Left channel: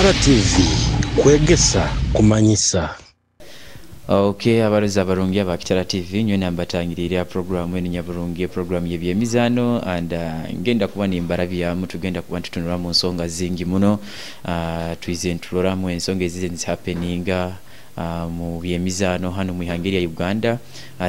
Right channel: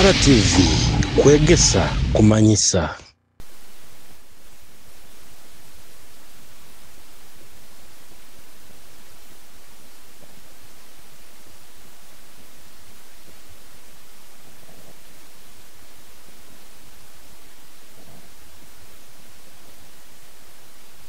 Kitara TV kwegesa kumanyisa. Okay, abaroza abarungi aba Kitara TV nyo nambatangirira program eni nyaburungi program yebyemizano and ngenda kuba nimbara byamu tugenda kuba tutunura mu nsonga zingi muno twize ntulora mu ensonga ezize happening mu byemizano hano mu ihangiri ya Uganda,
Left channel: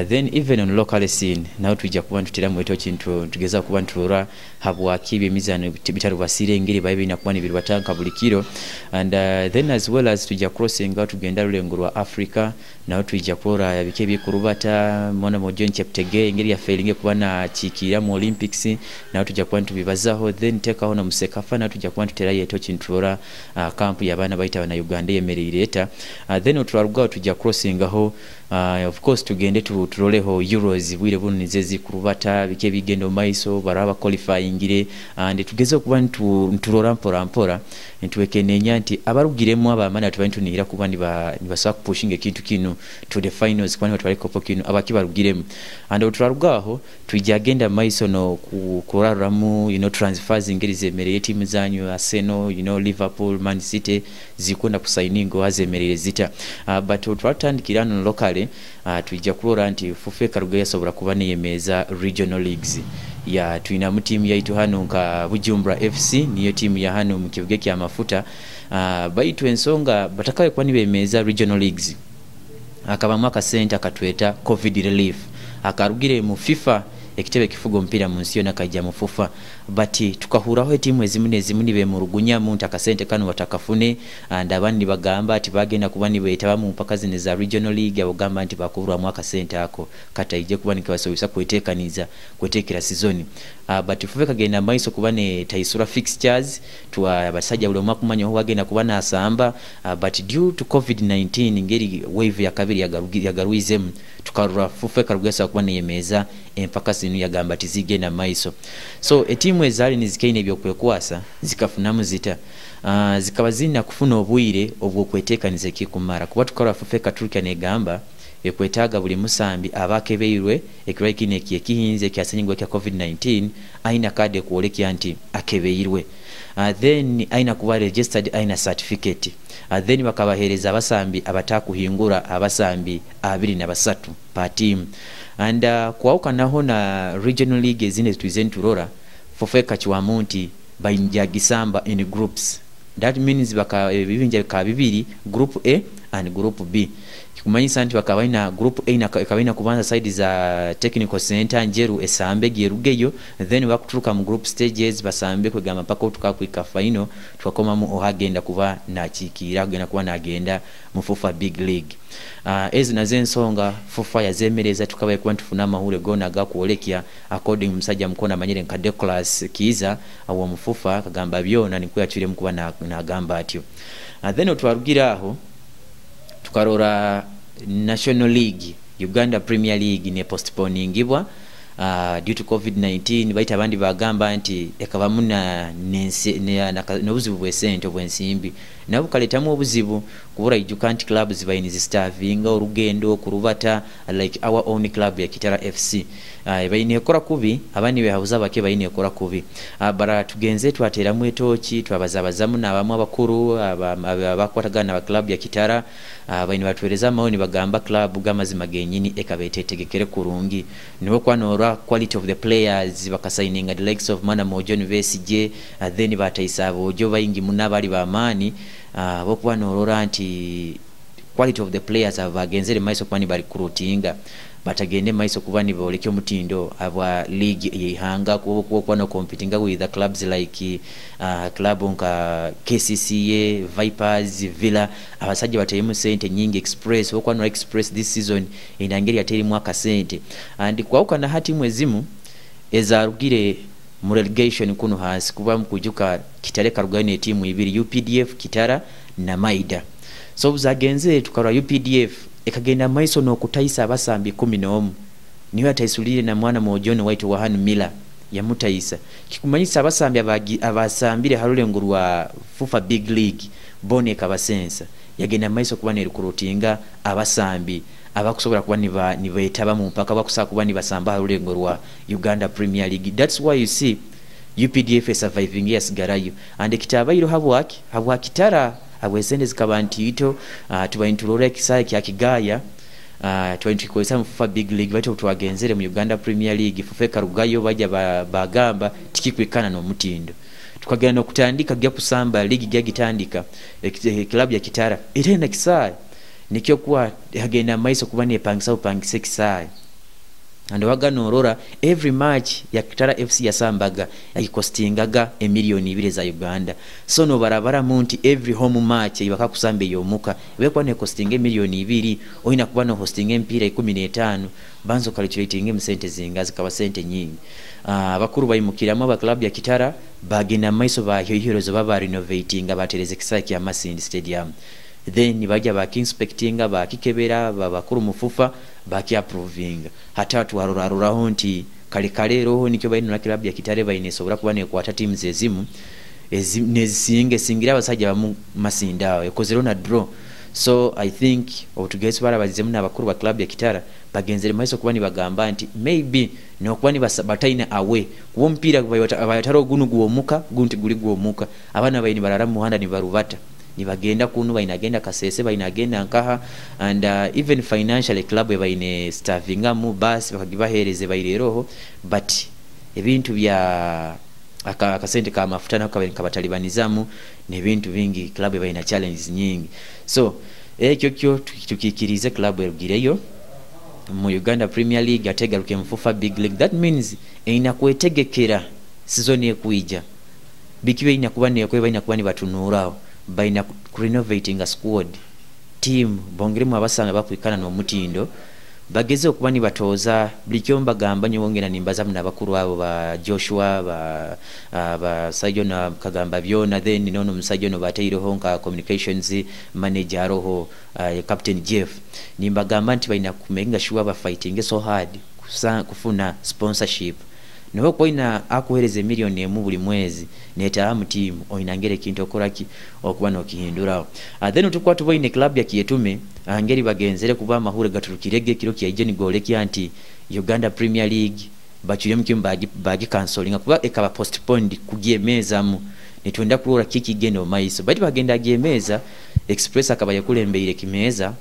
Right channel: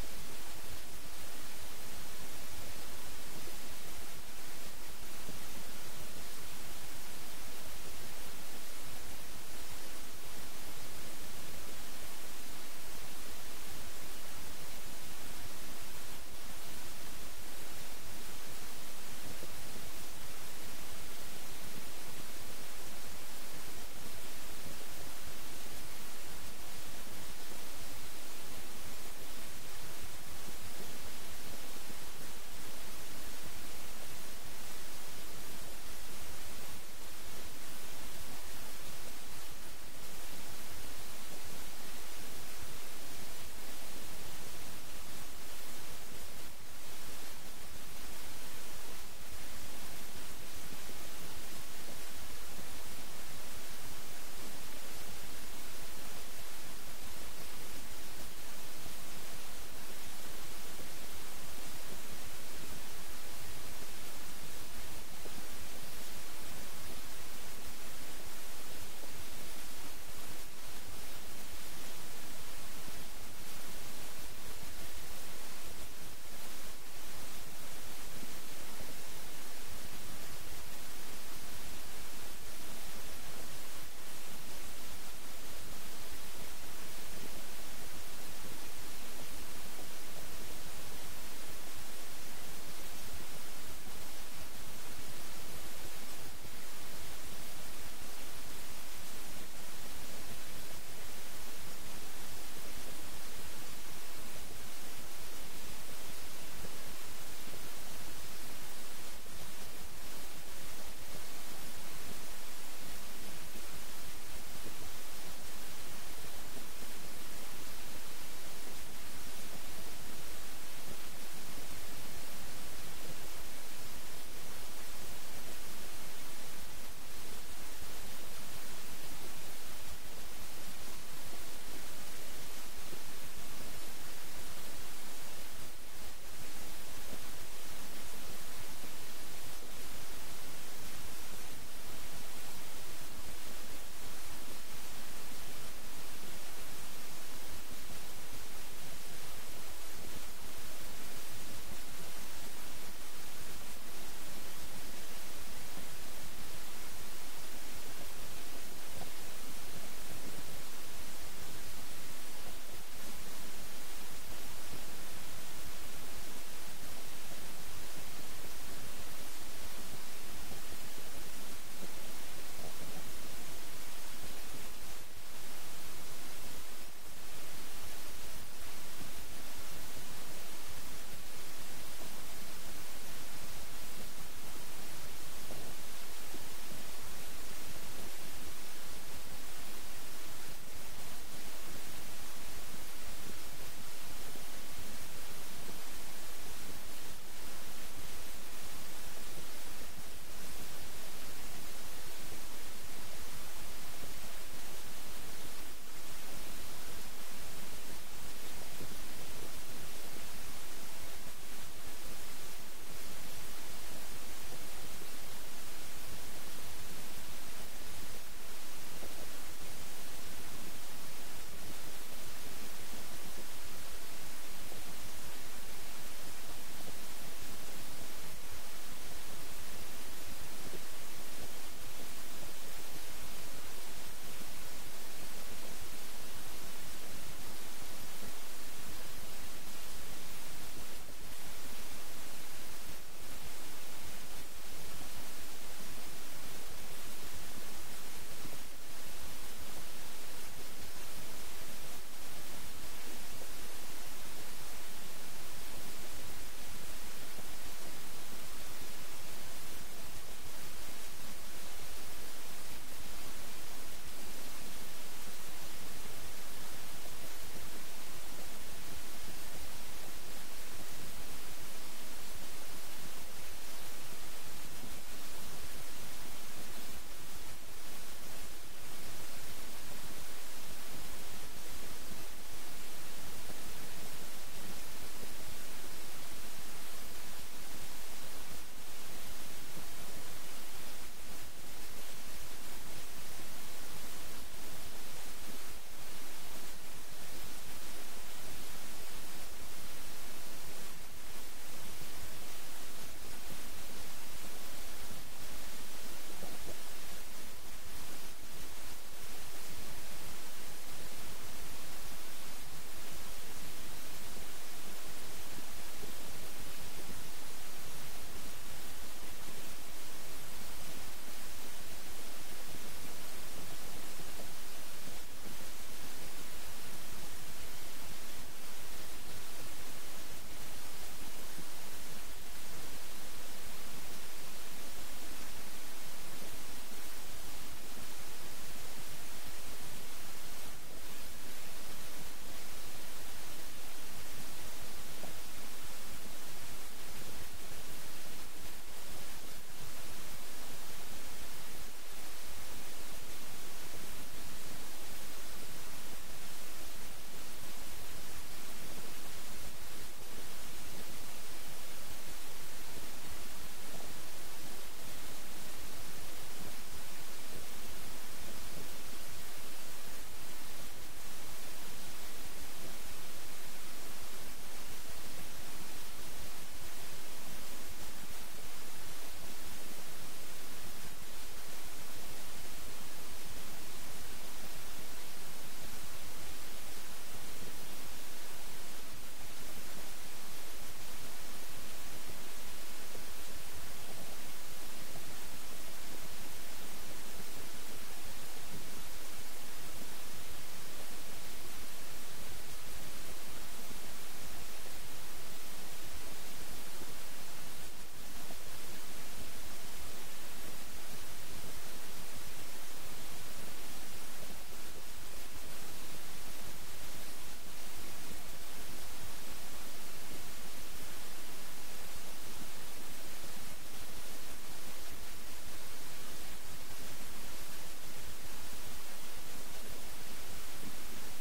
then even on local scene now tujja kuba tutira mu eto kintu tugeza kuba ntulora habwaki byemizano bitaro basire ngiri bayibi nakuba ni birwatanka bulikiro and then as well as tujja crossing out tugenda rulengo rwa Africa now tujja kora yabike bikurubata mona mojon cheptege ngiri ya failing kuba na chikira mu Olympics now tujja kuba tubibazaho then teka hona musekafa na tujja kuba tutera yeto kintura camp yabana baita na Uganda yemerireta then utwarugwa tujja crossing aho of course tugende turoleho Euros bwire bunnize zikurubata bike bigendo maiso baraba qualifying and tugeze kuba nturora mpora ntuweke nyanti abarugiremo abamana tubantunira kuba nibasa pushing ekintu kinu to the finals kwani batwale kopo kinu abakibarugiremo and utwarugwaho tujagenda maiso no kuraramu transfers ingeri zemereye team zanyu Arsenal Liverpool, Man City zikunda kusainingo azemerere zita but utwatandikira no locally tujja kulora anti fufeka rugaya sobora kuba niyemeza regional leagues ya tuina mu team yaitu hano nka Bujumbura FC niyo team ya hano mu kibuga kya mafuta baitu ensonga batakaye kwa nibemeza regional leagues akaba mwaka center katweta covid relief akarugire mu FIFA ekitebe kifugo mpira mu nsiyo nakajja mu FIFA but tukahuraho timu ezimu nibe mu rugunya mu ntakasente kanu watakafune and abandi bagamba ati bagenda kuba nibetaba mu mpaka zine za regional league abagamba ati bakubura mwaka center ako kata ije kuba nikabasubisa kwetekaniza kwetekera season but fufeka genda maiso kuba ne taisura fixtures twa abasajja buli mwaka kumanyo ho bagenda kuba na asamba but due to covid-19 ngeri wave ya kabiri yagaruizem tukarura fufeka rugesa kuba niyemeza empaka sinu yagamba tizigenda maiso so etimu ezali nizikaine byokwekuasa zikafunamu zita zikaba zina kufuna obwire obwokwetekaniza kikumara kuba tukara fufeka turika negamba ekwetaga buli musambi abakebeirwe ekiraikine kihinze kyasenyingwa kya covid-19 aina kade kuoleki anti akebeirwe then aina kuba registered aina certificate then bakabahereza abasambi abatakuhingura abasambi 23 pa team and kwauka naho na regional league zine tuizenturora fofeka chiwamunti bainjagisamba in groups that means bibinja ka bibiri group A and group B kumanyisa nti bakabaina group A na kabaina kubanza side za technical center njeru esambe gerugeyo then bakuturuka mu group stages basambe kwegamba paka tukakwika final twakoma mu ohagenda kuba na chikira kugenda kuba nagenda mu FIFA big league ezi nazensonga FIFA yazemereza tukabaye kuba tufuna mahule gona gakuolekya according musajja mkona manyire nkade class kiza awo mu FIFA kagamba byona nikuyachire mkuba na gamba atyo then otwarugira aho tukarora National League Uganda Premier League ne postponingibwa due to covid-19 baita abandi bagamba anti ekabamuna n'obuzibu bw'esente obwensimbi nabo kaletamu obuzibu kubura Ijukanti clubs bayinizi staffing orugendo kurubata like our own club ya Kitara FC bayine ekora kubi abandi behabuza bake bayine ekora kubi bara tugenze twatera mu etochi twabazabazamu n'abamu abakuru abakwatagana ba club ya Kitara bayine batwereza maoni bagamba club gamazima genyini ekabetetegekere kurungi niwo kwanora quality of the players bakasaininga the likes of Mana Mojon VSJ then bataisaba ojo bayingi munabali bamani bokuba norora anti quality of the players abagenzere maiso kwani bali recruitinga batagende maiso kuba ni boleke mutindo aba league yihanga kuba no competing with the clubs like club nka KCCA Vipers Villa abasajja batayemu sente nyingi Express okwa no Express this season inangeri ateri mwaka sente and kwauka na hati mwezimu ezarugire mu relegation kuno hasi kuba mkujuka Kitare karugane timu ibiri UPDF Kitara na Maida so buzagenze tukara UPDF ekagenda maiso no kutaisa abasambi 11 niwe ataisulire na mwana Mojoni White wa Han Miller ya mutaisa kikumanyisa abasambi abasambire harulengurwa FIFA Big League bone kabasensa yagenda maiso kuba ne recruitinga abasambi abakusobora kuba nibaetaba mu mpaka bakusaba kuba nibasamba harulengurwa Uganda Premier League. That's why you see UPDF surviving yasigarayo and kitabayiro habwa kitara abwesende zikaba ntito tubayintulora ekisaya kya Kigaya 20 mufufa big league bacho twagenzere mu Uganda Premier League fufeka rugayo bajya bagamba tikikwekana no mutindo tukagenda no kutandika gya kusamba ligi gya gitandika club ya Kitara irenda kisaya nikyo kuwa hagenda maiso kubane pangisa upangise kisaya and waganorora every match ya Kitara FC yasambaga yakostingaga emiliyoni 2 za Uganda so no barabara munti every home match yibaka kusambe yomuka wekwa ne costinga emiliyoni 2 oina kuba no hosting empira 15 banzo calculating sente zingazi kaba sente nyingi abakuru bayimukiramo ba club ya Kitara bagina maiso ba heroes baba renovating abatereze kisaki ya Masindi Stadium then bajya bakinspectinga bakikebera babakuru mufufa baki approving hatatu waruraruraho nti kale roho nikyo bayino na club ya Kitare bayinesobora kuba ne kwata teams ezimu nezisinge singira abasajja bamu Masindawe ekozero na draw so I think outugesi barabazemu n'abakuru ba club ya Kitara bagenzere maiso kuba ni bagamba nti maybe no kuba ni basabataina awe kuwo mpira abayataro gunu guomuka gunti guli guomuka abana bayini barara muhanda ni barubata ni bagenda kunu bayinagenda Kasese bayinagenda nkaha and even financially club bayine staffing mu bus bakagibahereze bayireroho but ebintu bya akasente ka mafuta kabatalibanizamu nebintu bingi club bayina challenges nyingi so ekyo tukikirize club erugireyo mu Uganda Premier League ategaruke mfufa big league that means ina kwetegekera season ekuija bikiwe ina kuba ne kweba kuba ni batunurao baina renovating a squad team bongiremu abasanga bakwikana no mutindo bageze okuba ni batoza blikyomba gamba nyongera nimbaza mna bakuru abo ba Joshua ba Sajona kagamba byona then nono Musajona bateiro honka communications manager roho Captain Jeff nimbagamba nti baina kumenga sure ba fighting so hard kufuna sponsorship niho koina akuhereze milioni emu buli mwezi netaramu team oinangere kintu okoraki okuba no kihindurawo then tukwa tuboine club ya Kiyetume angeri bagenzere kuba mahure gaturukirege kiro kya ijeni goleki anti Uganda Premier League bachuriye mukimbaji bagi cancelling kuba ekaba postponed kugiemeza mu nitwenda kurora kiki gendo maiso bati bagenda giemeza Express akabaye kulembeire kimeza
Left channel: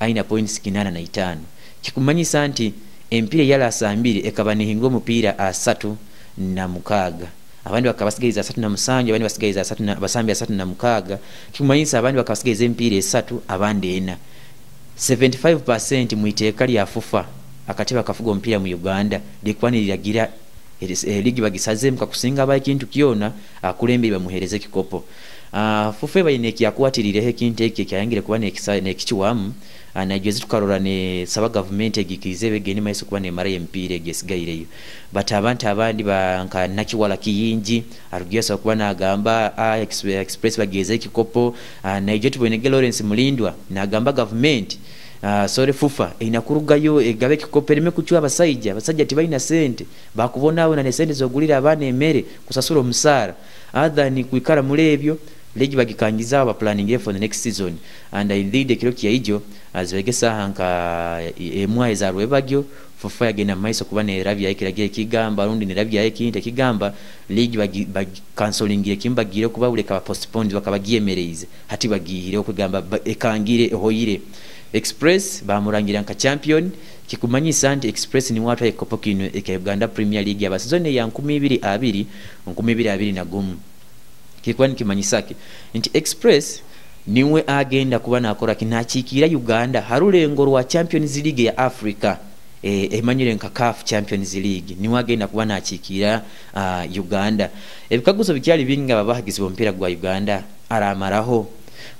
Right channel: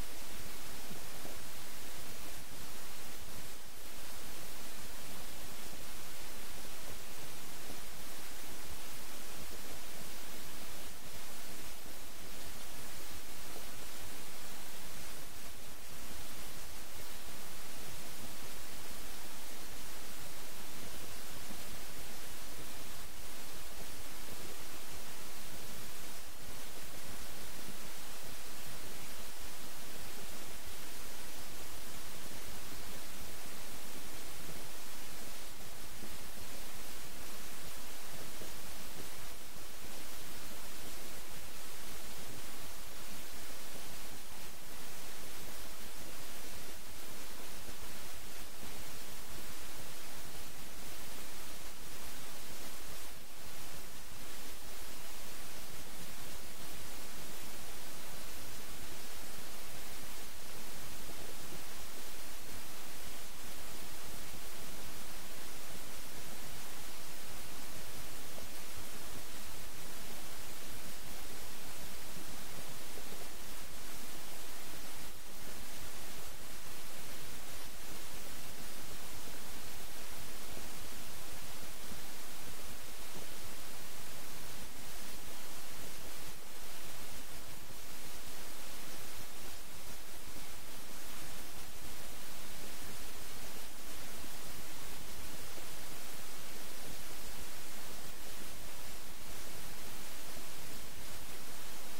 aina points 85 kikumanyisa anti empire yala sambiri ekaba nihingo mupira 36 abandi bakabasigayiza 37 abandi basigayiza 3 basambi 36 kimanyisa abandi bakabasigayiza empire 3 abandi ena 75% muiteka lya fufa akateba kafugo mpira mu Uganda likwani lyagira ligi bagisaze mkakusinga abaye kintu kiona akulembe bamuhereze kikopo fufe bayineki yakwatirire he kinteke kyangire kuba nekichiwamu anajezi tukarora ne saba government egikize begeni maiso kuba ne mara empire gesigayireyo but abantu abandi banka nakiwala kiyingi arugiyasa kuba nagamba Express bageze kikopo naije tubonege Lawrence Mulindwa nagamba government sore fufa inakurugayo egabe kikopo erime kuchwa abasajja tibaina sente bakubona abo na sente zogulira abana emere kusasura omusara other ni kuikara mulebyo legi bagikangiza aba planning for the next season and indeed ekiro kyayijo azwegesa hanka emwa ezarwe bagyo fufa yagena maiso kuba ne ravya ekirage kigamba rundi ne ravya ekinte kigamba ligi bagi cancelling ekimbagire kuba uleka postponed bakabagiemereze hati bagihire okugamba ekangire hoyire Express bamurangira nka champion kikumanyisa anti Express ni watu ekopo kino eka Uganda Premier League ya basizone ya 2022 na gumu kikwani kimanyisaki nti Express niwe agenda kuba nakora kinachikira Uganda harulengo rwa Champions League ya Africa emanyire nka CAF Champions League niwe agenda kuba nakikira Uganda ebikaguzo bikyali binga babahagizi bompira gwa Uganda aramaraho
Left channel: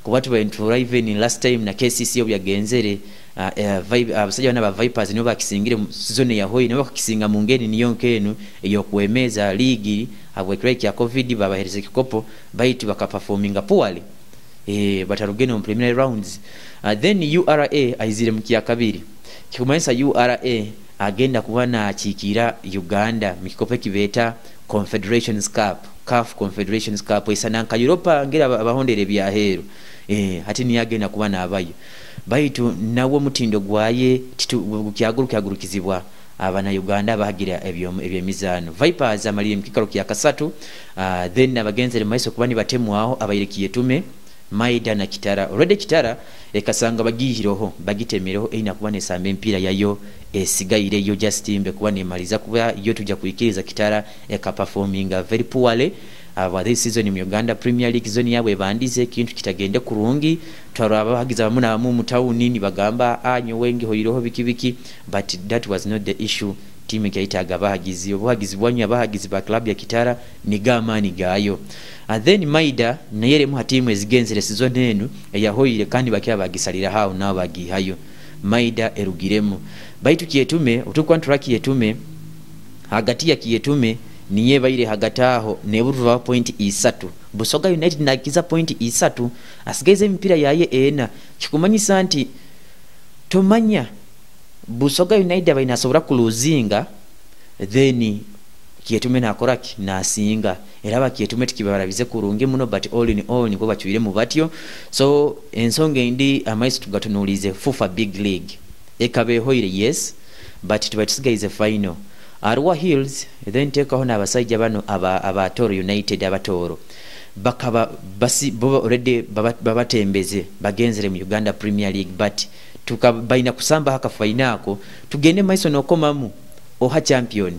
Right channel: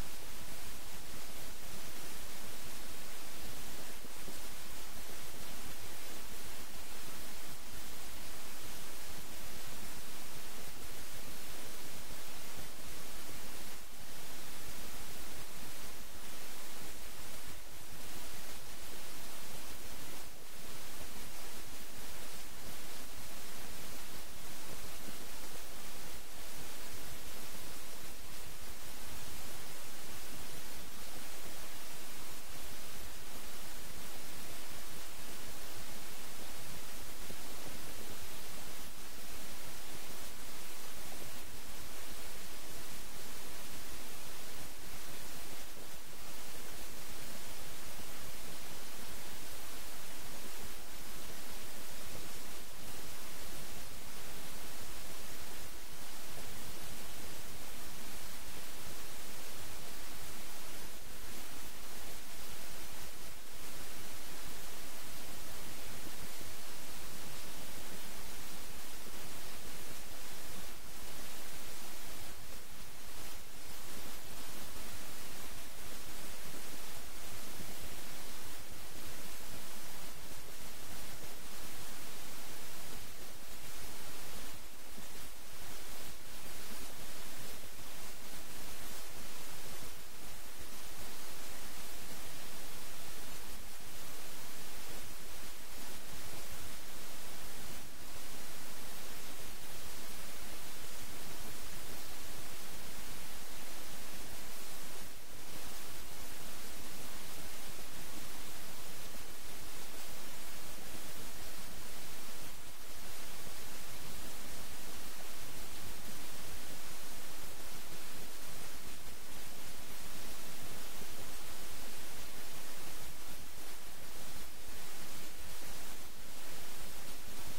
kubatu baintura even last time na KCC obyagenzere abasajja bana ba Vipers nibo bakisingire season ya hoyi nibo bakisinga mungeni niyo nkenu eyo kuemeza ligi abwekreki ya COVID babahereze kikopo baitu bakaperforminga poorly batarugene mu preliminary rounds then URA aizire mkiya kabiri kikumanyisa URA agenda kubana chikira Uganda mikikopo kibeta Confederations Cup CAF Confederations Cup isananka Europa ngera abahondere bya hero hati ni agenda kubana abayo baitu nawo mutindo gwaye kyagurukizibwa abana Uganda bahagira ebyemizano. Vipers amalire mukikalo kya kasatu, then abagenzere maiso kubani batemwaho abayirekiye tume Maida na Kitara. Already Kitara ekasanga bagihiroho bagitemereho ina kuba nesamba empira yayo esigaire yo Justin kuba nemaliza kuba yo tujja kuikiriza Kitara eka performing very poorly this season mu Uganda Premier League zone yabwe bandize kintu kitagende kurungi twaraba bagiza bamuna mu mutawuni ni bagamba anyo wengi hoyiroho bikibiki, but that was not the issue. Team ikaitaga bahagizi obuhagizi bwanya bahagizi ba club ya Kitara ni gamani gayo. And then Maida nayere mu hatimu ezigenzere season enu yahoyire kandi bakya bagisalira hao nabo bagihayo. Maida erugiremu baitu kiyetume utukwa nturaki yetume hagati ya kiyetume niye bayire hagataho neburuva point isatu. Busoga United nakiza point isatu asigeze empira yaye ena kikumanyisa nti tomanya Busoga United bainasobora kuluzinga then kiyetume nakoraki nasinga era bakiyetume tikibarabize kurunge muno, but all in all niko bachuire mu batyo. So ensonga indi amaiso tugatunulize FUFA Big League ekabe hoire yes, but tubatisigaze final Arua Hills then take on abasajja bano aba Toro United abatoro bakaba basi boba already babatembeze bagenzere mu Uganda Premier League, but tukabaina kusamba haka fainako tugende maiso nokomamu oha champion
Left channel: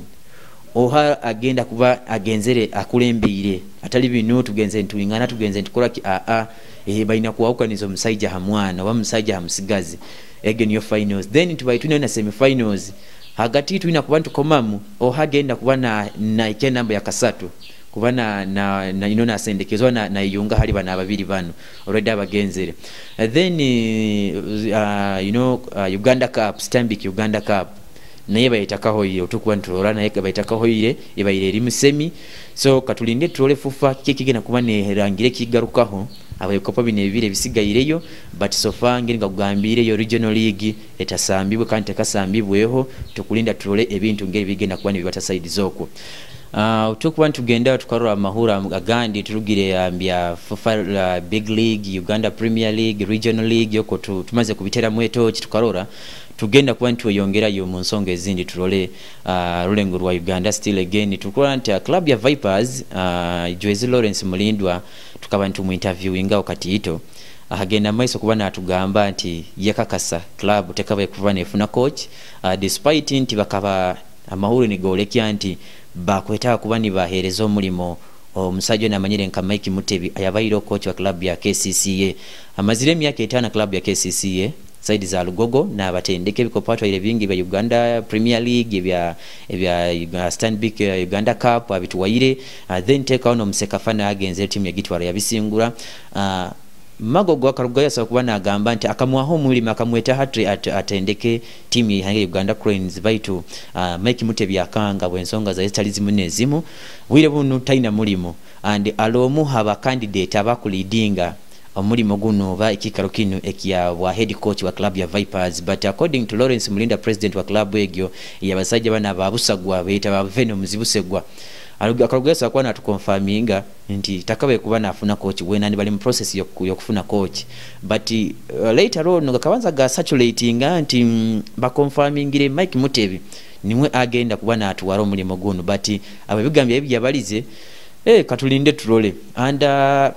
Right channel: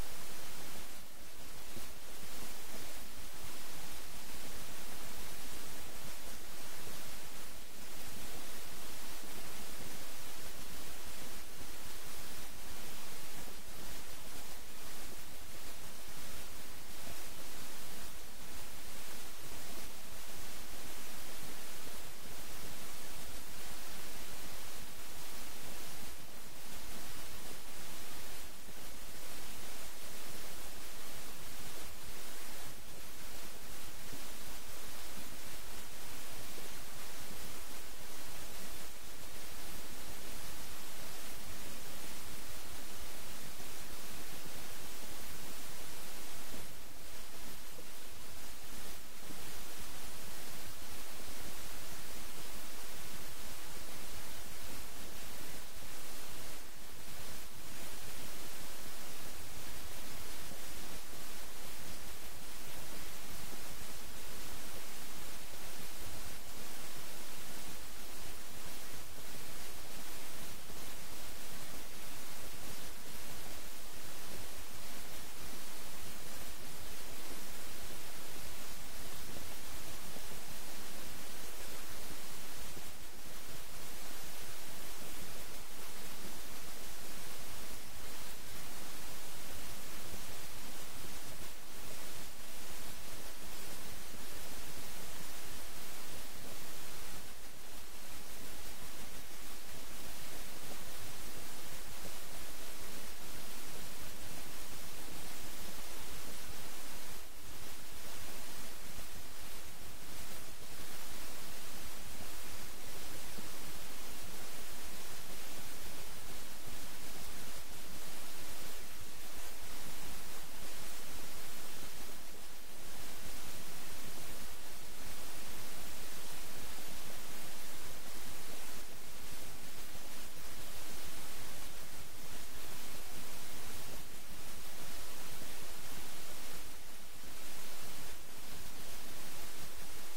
oha agenda kuba agenzere akulembire atali binu tugenze ntuyingana tugenze ntukola ki baina kuwauka nizo musajja hamwana wa musajja hamusigazi again your finals then tubaituna na semi finals hagati tuina kuba ntukomamu oha agenda kuba na ike namba ya kasatu kuba na inona asendekezwa na yunga hali bana babiri bano already abagenzere then Uganda Cup Stanbic Uganda Cup naye bayitakaho iyo tukwa nturora naye bayitakaho ile ibayire iri musemi. So katulinde turole FUFA kikigena kuba nerangire kigarukaho abayokopa binebire bisigayireyo, but so far ngiringa kugambire yo regional league etasambibwe kandi tekasambibweho tukulinda turole ebintu ngeri bigenda kuba nibata side zoko. Tukwa tugenda tukarora amahura agandi turugire ambya FUFA Big League Uganda Premier League Regional League yoko tumaze kubitera mweto tukarora tugenda kuba ntuyongera yo munsonga ezindi turole rulengo rwa Uganda still again tukora nti club ya Vipers Joyce Lawrence Mulindwa tukaba ntumu interviewinga wakati ito agenda maiso kuba natugamba nti yakakasa club tekabaye kuva nefuna coach despite nti bakaba amahuru ni golekya nti bakwetaka kuba ni baherezo mulimo omusajja namanyire nka Mike Mutebi ayabayiro coach wa club ya KCCA amazire myaka 5 club ya KCCA side za Lugogo na batendeke bikopatwa ile vingi vya Uganda Premier League vya Stanbic Uganda Cup abituwaire then take on omusekafana agenze team ya Gitwara yabisingura Magogo akarugaya sa kuba nagamba nti akamwaho mulima akamweta hatri atendeke team ya Uganda Cranes baitu Mike Mutebi akanga bwensonga za estalizimu nezimu wire bunu taina mulimo and alomu haba candidate abakulidinga omulimo guno ba ekikaro kino ekiya wa head coach wa club ya Vipers, but according to Lawrence Mulinda president wa club egyo yabasajja bana babusagwa beta ba Venom zibusegwa akarugesa kwa na tukonfaminga nti takabe kuba nafuna coach wena ni bali mu process yokufuna coach, but later on ngakabanza ga saturating nti ba confirmingire Mike Mutebi nimwe agenda kuba na atuwaro mulimo guno, but ababigambye ebyabalize katulinde turole and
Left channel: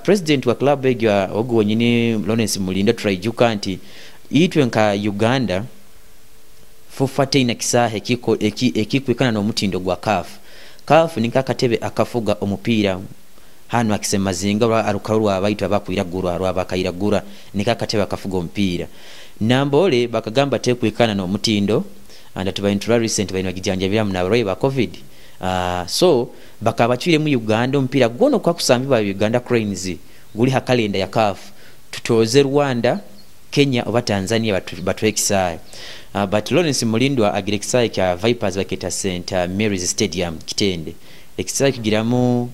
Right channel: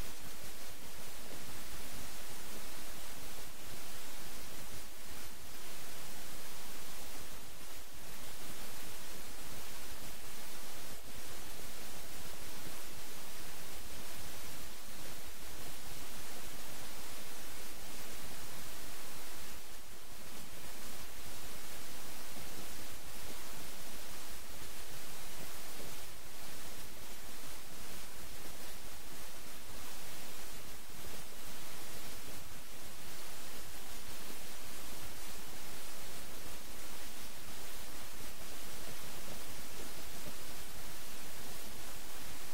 president wa club egya ogo nyine Lawrence Mulinda trajuka nti itwe nka Uganda FUFA ina kisahe kiko ekikwikana no mutindo gwa CAF nikakatebe akafuga omupira hano akisema zinga arukarwa abaitwa bakwiragura abakairagura nikakatebe akafuga omupira nambole bakagamba tekwikana no mutindo and tuba recent baina gijanja bya mnaroye ba covid so bakabachire mu Uganda mpira gono kwa kusambibwa Uganda Cranes guli hakalenda ya CAF tutoze Rwanda Kenya oba Tanzania batu exai but Lawrence Mulindwa agirexai kya Vipers baketa St Mary's Stadium Kitende exai kigiramu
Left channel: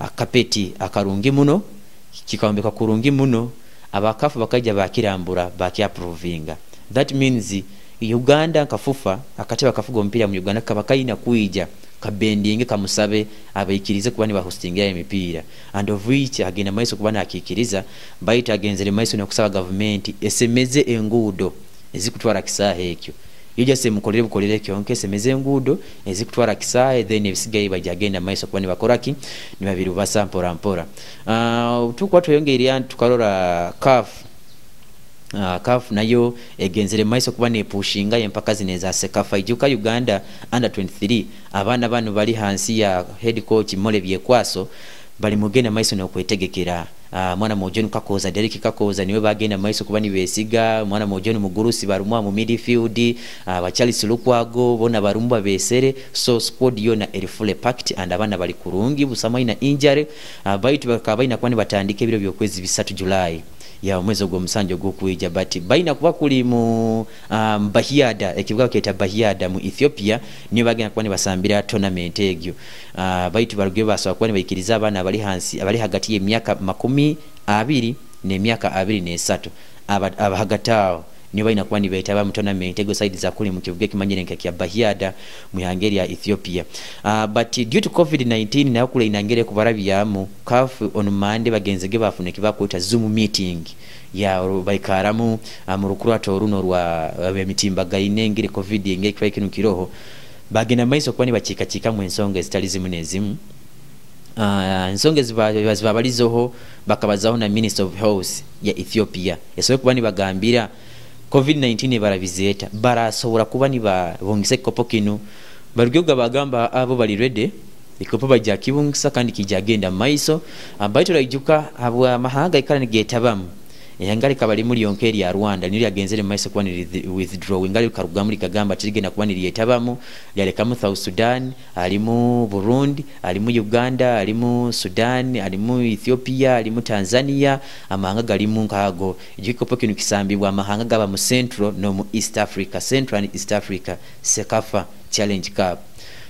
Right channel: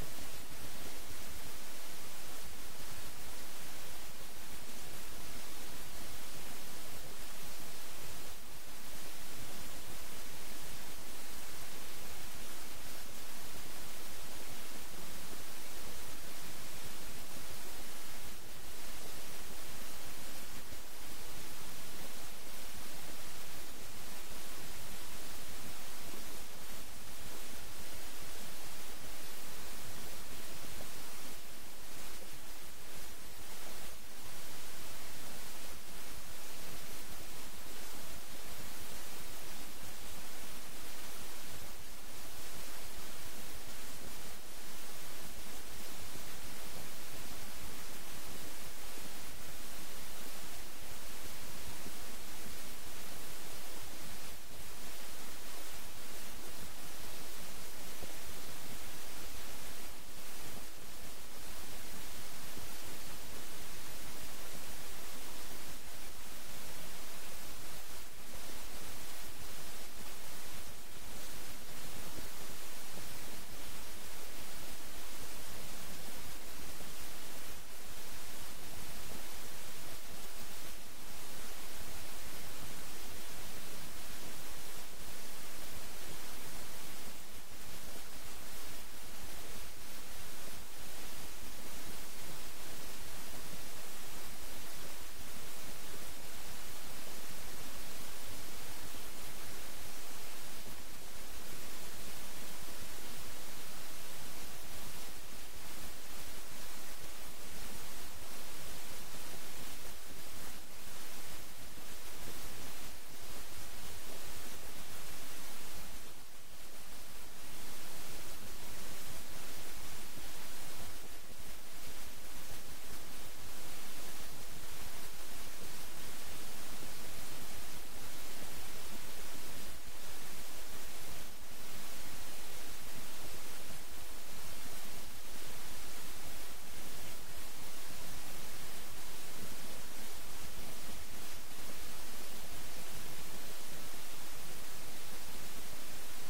akapeti akarungi muno kikaombeka kurungi muno abakafu bakaja bakirambura bakiaprovinga. That means Uganda kafufa akateba kafugo mpira mu Uganda kabakaina kuija kabendinge kamusabe abayikirize kuba ni ba hostinga emipira and of which agenda maiso kuba na akikiriza baita agenzere maiso no kusaba government esemeze engudo ezikutwara kisaha ekyo yojase mukolere bukolere kyonke semeze ngudo ezikutwara kisae then ebisigaye bajagenda maiso kuba nibakoraki nibabirubasa mpora mpora. Tukwa tuyongeria tukarora CAF nayo egenzere maiso kuba ne pushinga empaka zineza Sekafa ijuka Uganda under 23 abana banu bali hansi ya head coach Mole Byekwaso bali mugenda maiso no kwetegekera. Mwana mojoni Kakoza Derek Kakoza niwe bagenda maiso kuba ni besiga mwana mojoni Mugurusi barumwa mu midfield ba Charles Lukwago bona barumba besere so squad yona erifule packed and abana bali kurungi busama ina injury baitu bakabaina kwani batandike biro byokwezi 3 July ya mwezi gwo musanjo gwo kuija but baina kuba kuli mu Bahiada ekivuga keta Bahiada mu Ethiopia niyo bagenda kwani basambira tournament egyo. Baitu barugiye basaba kwani bayikiriza abana bali hansi abali hagati y'emyaka 20 n'emyaka 23 abahagatao niyo baina kwani bayitaba mu tournament egyo side za kuli mu kivuga kimanyire nkya Bahiada mu hangeri ya Ethiopia. But due to COVID-19 nayo kule inangere kubarabyamu CAF on Monday bagenzege bafune kibakwita Zoom meeting ya baikaramu mu rukurato runo rwa mitimba gainengire COVID ingeke kwa kinu kiroho bagena maiso kwani bachika mu ensonga zitali zimunezimu. Ensonga zibabalizoho bakabazaho na Minister of Health ya Ethiopia yasobe kubani bagambira COVID-19 baravizeta barasobora kuba ni bongise kopo kinu barugyoga bagamba abo bali ready ikopo bajya kibungisa kandi kijagenda maiso abaito rajuka abo amahanga ikana getabamu yangari kabali muri yonkeri ya Rwanda niri agenzere maiso kwa ni withdraw ngali karugamuri kagamba tigenda kuba ni yetabamu yaleka mu South Sudan alimu Burundi alimu Uganda alimu Sudan alimu Ethiopia alimu Tanzania amahanga galimu nkago igikopo kinu kisambibwa amahanga gaba mu Central no mu East Africa Central and East Africa Sekafa Challenge Cup.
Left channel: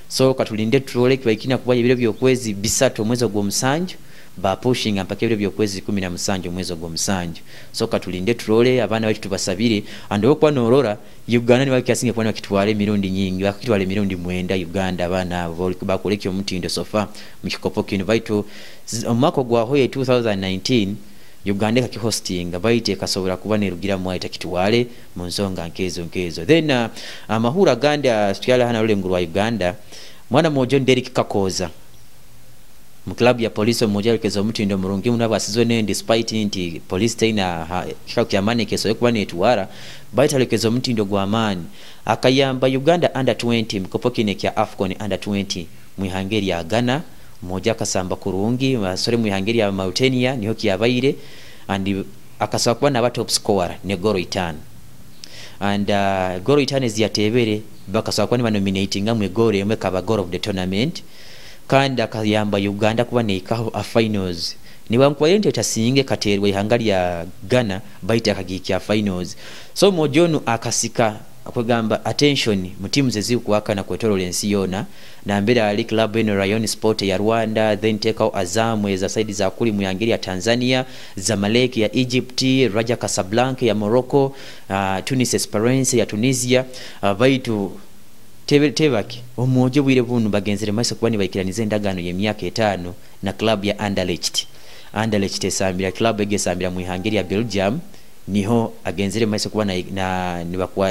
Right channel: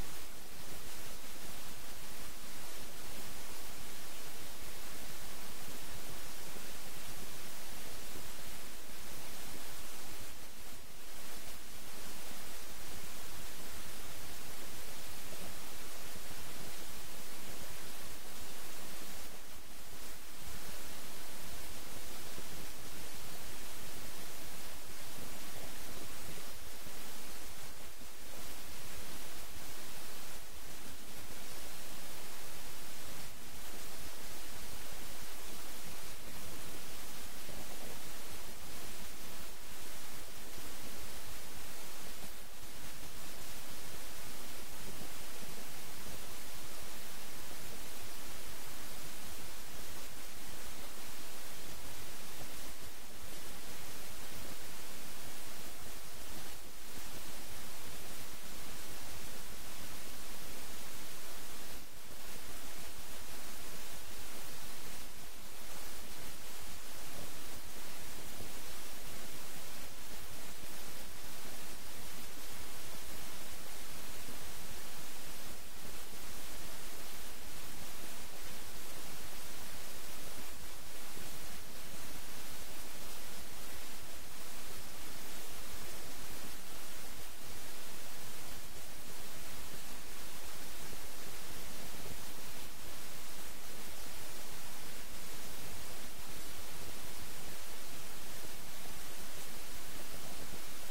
So katulinde trole kibakina kuba ibiro byokwezi 3 mwezi gwo musanjo ba pushing ampaka ibiro byokwezi 17 mwezi gwo musanjo. So katulinde trole abana bali tubasabire ando kwa norora Uganda ni bakiasinge kwa kitwale mirundi nyingi bakitwale mirundi mwenda Uganda abana boli kubakolekyo mutindo sofa mukikopo kinu baito omako gwa hoye 2019 Uganda kakihosting baite kasobora kuba nerugira mwaita kitwale mu nsonga nkezo then amahura ganda tuyala hana ule nguru wa Uganda mwana mojo Derek Kakoza mu club ya police moja lekezo mutindo murungi munaba asizone despite inti police taina kyakyamane keso kuba netwara baita lekezo mutindo gwa amani akayamba Uganda under 20 mkopo kine kya Afcon under 20 mu Hungary ya Ghana moja kasamba kurungi masore mu Hungary ya Mauritania niho kiyabaire and akasaba kuba na top scorer ne Goro Itana and Goro Itana ziyatebere bakasaba kuba ni nominating amwe Goro yemwe kaba goal of the tournament kandi akayamba Uganda kuba neikaho a finals ni bankwaye tasinge katerwe Hungary ya Ghana baita akagiki ya finals. So mojonu akasika akugamba attention mu teams ezikuwaka na kwetolensi yona na mbere ali club eno Rayon Sport ya Rwanda then take out Azam za side za kuli mu Hungary ya Tanzania Zamalek ya Egypt Raja Casablanca ya Morocco Tunis Esperance ya Tunisia baitu tebaki omojo bwire bunu bagenzere maiso kuba ni bayikiranize endagano ye myaka 5 na club ya Anderlecht esambira club egesambira mu Hungary ya Belgium niho agenzere maiso kuba na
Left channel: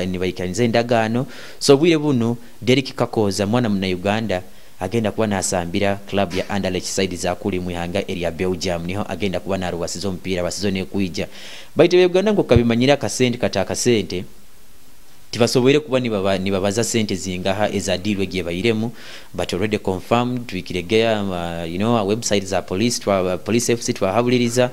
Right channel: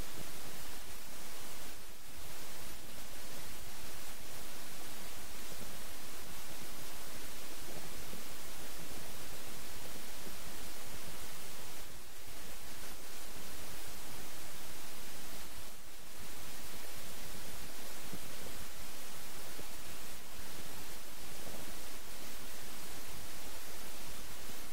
ni bayikiranize endagano. So bwire bunu Derek Kakoza mwana muna Uganda agenda kuba nasambira club ya Anderlecht side za kuli mu Hungary area Belgium niho agenda kuba na ruwasizo mpira basizone kuija baite Uganda ngo kabimanyira kasente kataka sente tibasobere kuba nibabaza sente zingaha ezadilwe gye bayiremu but already confirmed twikiregea our website za police FC twahabiliriza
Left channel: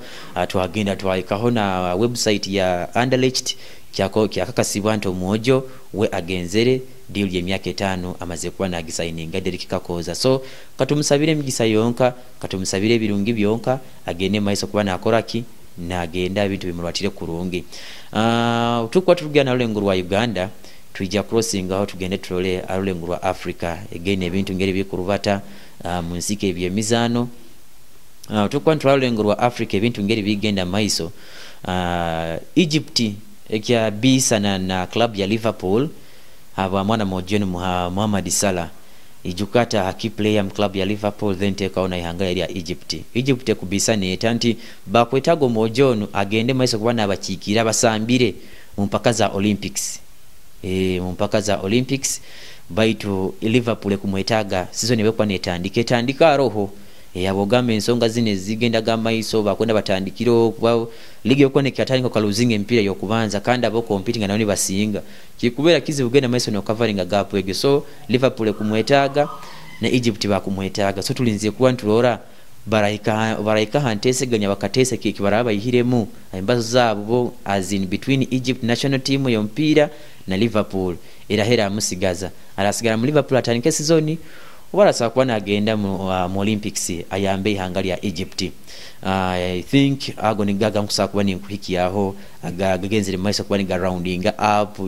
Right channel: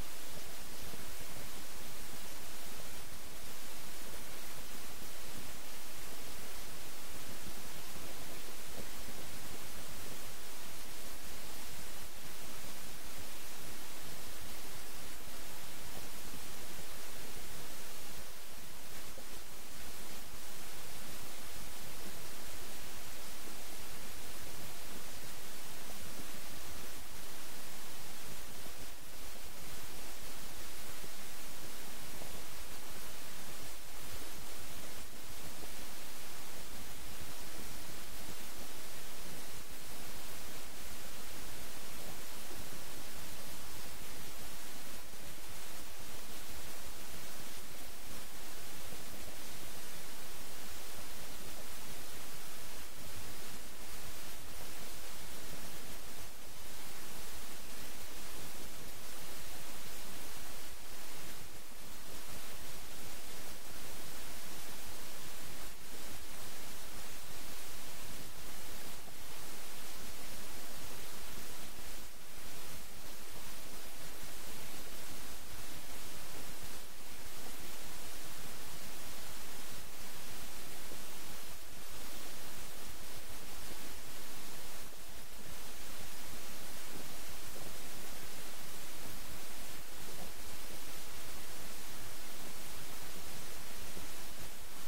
twagenda twaikaho na website ya Anderlecht kyakakasibwa nto mojo we agenzere deal ye myaka 5 amaze kuba na gisigninga Derek Kakoza. So katumusabire migisa yonka katumusabire birungi byonka agende maiso kuba nakoraki na agenda bintu bimulwatire kurungi. Tukwa tugana olenguru wa Uganda tuija crossing aho tugende trole olenguru wa Africa again ebintu ngeri bikurubata munzike ebyemizano tukwa trole olenguru wa Africa ebintu ngeri bigenda maiso Egypt ekya bisana na club ya Liverpool aba mwana mojeni Mohamed Salah ijukata haki player club ya Liverpool then take on Hungary ya Egypt kubisana etanti bakwetago mojonu agende maiso kubana abakikira basambire mu mpaka za Olympics mu mpaka za Olympics baitu Liverpool kumwetaga season ebekwa netandika roho yabogambe ensonga zine zigenda gamaiso bakwenda batandikiro kuba ligi yokoneka atandika kaluzinga empira yokubanza kandi abo competing naoni basinga kikubera kizibu genda maiso no covering gap ege so Liverpool kumwetaga na Egypt bakumwetaga so tulinze kuwa ntulora baraika hantese ganya bakatese kiki baraba ihiremu imbazo zabo as in between Egypt national team yo mpira na Liverpool irahera musigaza arasigara mu Liverpool atandika season ubarasa kuba nagenda mu Olympics ayambe ihanga ya Egypt. I think agonigaga nkusa kuba ni nkuhiki yaho agagenzere maiso kuba ni rounding up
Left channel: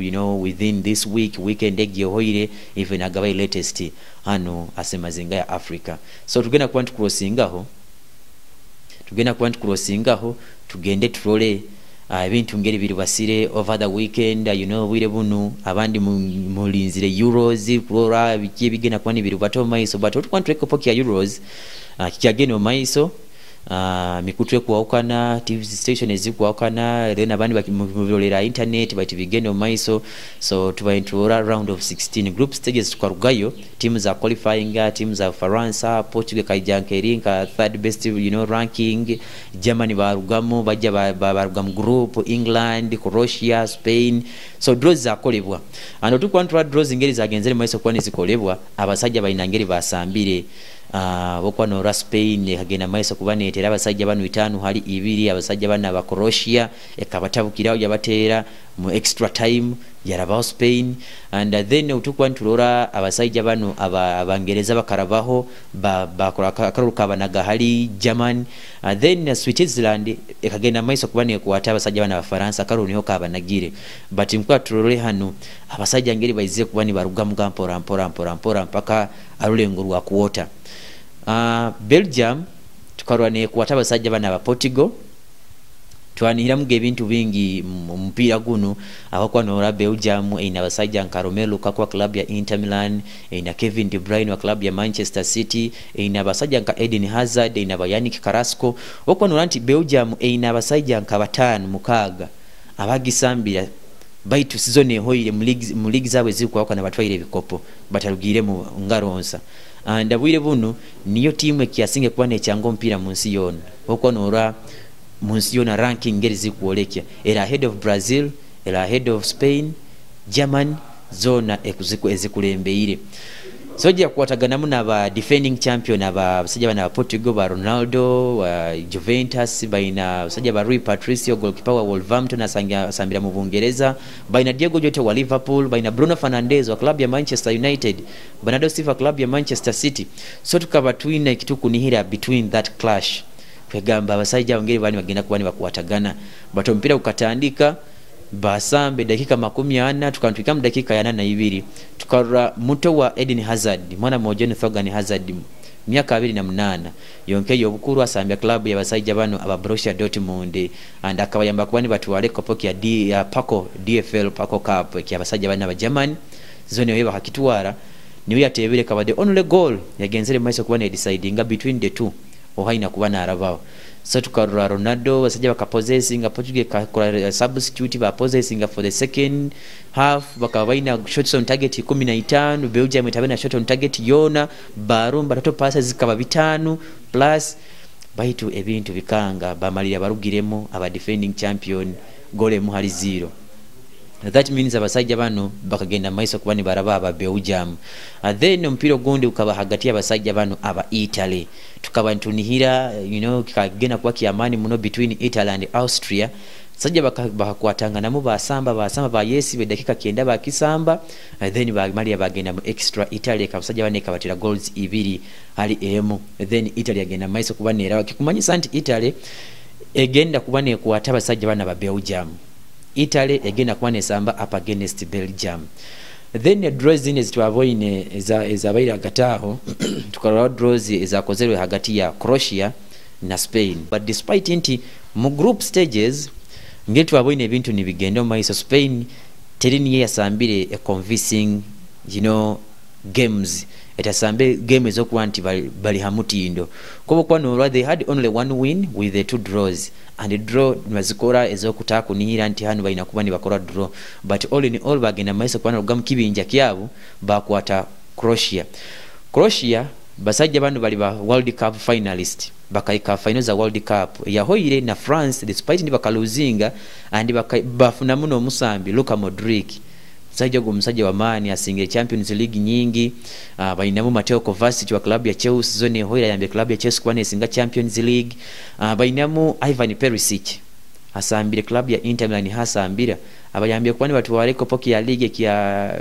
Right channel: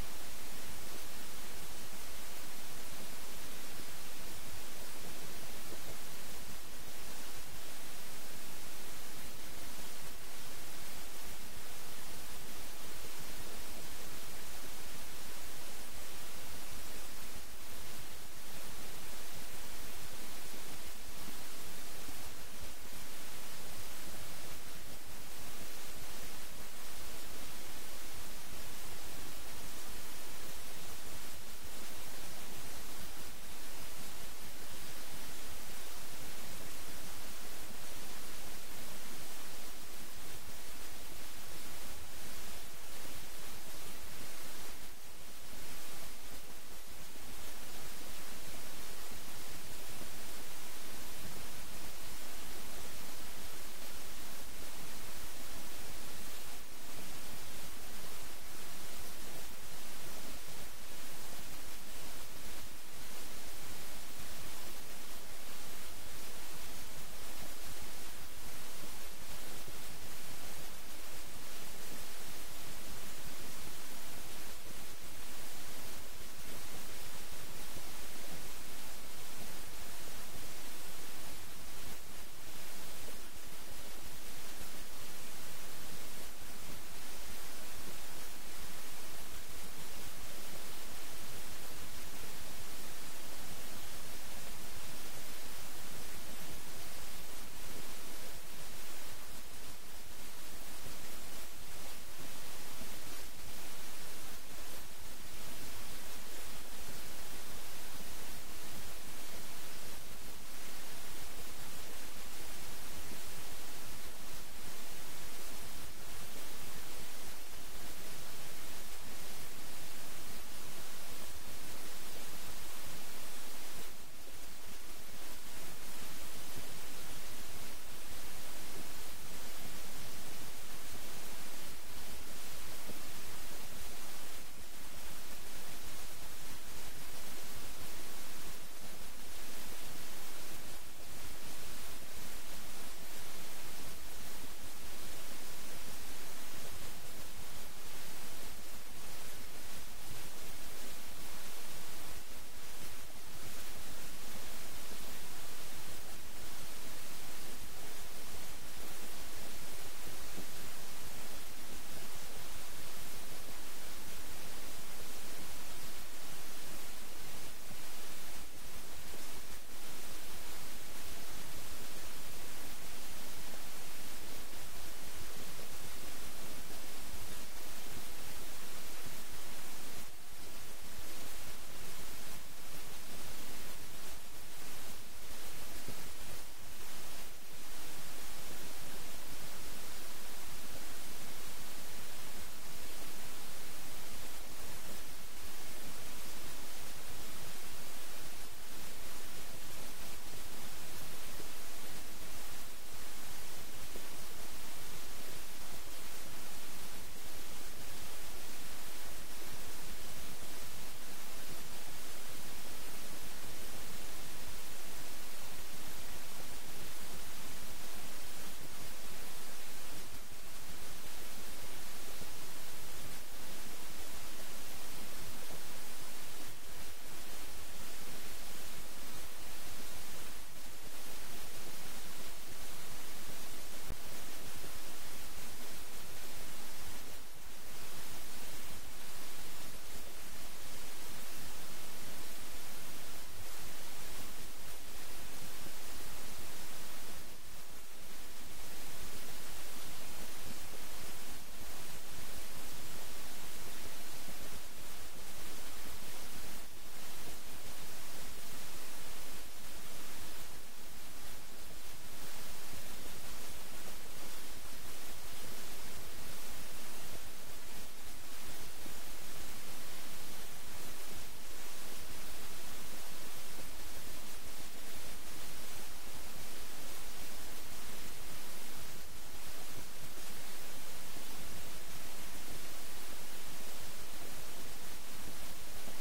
within this weekend egyohoire even agabai latest hano asemazinga ya Africa so tugenda kuba tukrossingaho tugende turole ebintu ngeri biri basire over the weekend wire bunu abandi mulinzire Euros kurora bikiye bigena kuba ni biri bato maiso but tukwantreko poki ya Euros kikageno maiso mikutwe kuwaukana TV station ezikuwaukana then abandi bakimulolera internet bati bigeno maiso so tubaintura round of 16 group stages tukarugayo teams za qualifying teams za Faransa Portugal kaijankerinka third best ranking Germany barugamo bajja barugam group England Croatia Spain so draws za kolebwa and tukwantura draws ngeri za genzere maiso kwani zikolebwa abasajja bainangeri basambire bokwa no Spain kagena maiso kubanetera abasajja banu 5 hali 2 abasajja bana ba Croatia ekabatabukirawo yabatera mu extra time yaraba Spain and then utukwa ntulora abasajja banu abangereza bakarabaho bakora karuka banaga hali German then Switzerland ekagenda maiso kubane kuwata abasajja bana ba Faransa karuniho kabanagire but mkwa tulore hano abasajja ngeri baize kubani baruga mpora mpaka arulenguru wa kuota Belgium tukarwane kuwata abasajja bana ba Portugal twanira muge bintu bingi mpira guno abakwa no Belgium ina basajja nka Romelu Lukaku wa club ya Inter Milan ina Kevin De Bruyne wa club ya Manchester City ina basajja nka Eden Hazard ina Yannick Carrasco okwa no anti Belgium ina basajja nka 5 mukaga abagisambira baitu season ehoire mu league zawe zikuwa kana batwaire bikopo batarugire mu ngaronsa ndabwire buno niyo timu ekiasinge kuba necyango mpira munsi yona okwa no munsi yona ranking ngeri zikuolekya era ahead of Brazil era ahead of Spain German zona ezikulembeire soja kuwatagana muna ba defending champion abasajja bana Portugal ba Ronaldo wa Juventus baina basajja ba Rui Patricio goalkeeper wa Wolverhampton asambira mu Bungereza baina Diego Jota wa Liverpool baina Bruno Fernandes wa club ya Manchester United Bernardo Silva club ya Manchester City so tukaba twina kituku nihira between that clash kwegamba abasajja ngeri bani bagenda kubani bakuwatagana bato mpira ukatandika basambe dakika 40 tukantwika mu dakika ya 82 tukarura muto wa Eden Hazard mwana mojeni Thorgan Hazard miaka 28 yonke yobukuru asambya club ya basajja bano aba Borussia Dortmund and akabayamba kubani batwale kopoki ya Paco DFL Paco Cup kya basajja bana ba German zone yoba hakitwara niwe yatebere kaba the only goal yagenzere maiso kubana deciding between the two ohaina kubana arabao so tukarura Ronaldo basajja bakapossessinga Portugal kakola substitute ba possessinga for the second half bakabaina shots on target 15 Belgium itabena shot on target yona barumba tato passes zikaba 5 plus baitu ebintu bikanga bamalira barugiremo aba defending champion gole mu hali 0 that means abasajja bano bakagenda maiso kubani baraba aba Belgium then mpiro gundi ukaba hagati abasajja bano aba Italy tukaba ntunihira kikagena kwa kiamani muno between Italy and Austria sajja bakakwatanga namo basamba ba Yesi be dakika 9 bakisamba then Maria bagenda mu extra Italy kabasajja bane kabatira goals 2 hali emu then Italy agenda maiso kubanera kikumanyisa nti Italy egenda kubane kuwata abasajja bana ba Belgium Italy egenda kubane samba up against Belgium then draws zine zitwaboine za baira gataho tukarwa draws ezakozerwe hagati ya Croatia na Spain but despite inti mu group stages ngetu aboine ebintu nibigendo maiso Spain terini yasambire a convincing games etasambe game ezokwanti bali hamutindo kubo kwano they had only one win with the 2 draws and draw nibazikora ezokutakunira nti hano balina kuba nibakora draw, but all in all bagenda maiso kubana rugamu kibinja kyabo bakwata Croatia basajja bano bali ba World Cup finalist bakaika final za World Cup yahoire na France despite ndi bakaluzinga and bafuna muno musambi Luka Modric sajja go musajja wa mani asinge Champions League nyingi bainamu Mateo Kovacic wa klabu ya Chelsea zone hoira yambe klabu ya Chelsea kwane singa Champions League bainamu Ivan Perisic asambire klabu ya Inter Milan hasambira abayambye kwani watu wareko poki ya ligue ya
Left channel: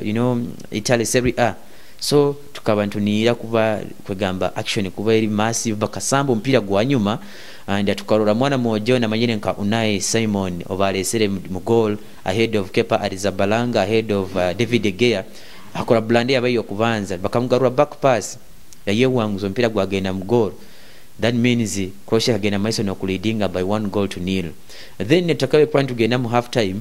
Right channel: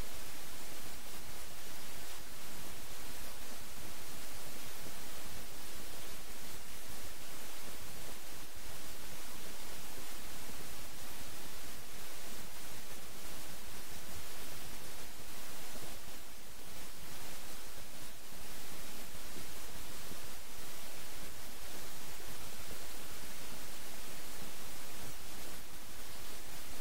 Italy Serie A. So tukabantunira kuba kwegamba action kuba eri massive bakasambo mpira gwa nyuma and tukarora mwana mojo na manyene nka Unai Simon obalesere mu goal ahead of Kepa Arrizabalaga ahead of David De Gea akora blande abayo kubanza bakamugarura back pass yaye wanguzo mpira gwa genda mu goal. That means Croatia agenda maiso no kuleadinga by 1-0. Then netakawe point tugenda mu half time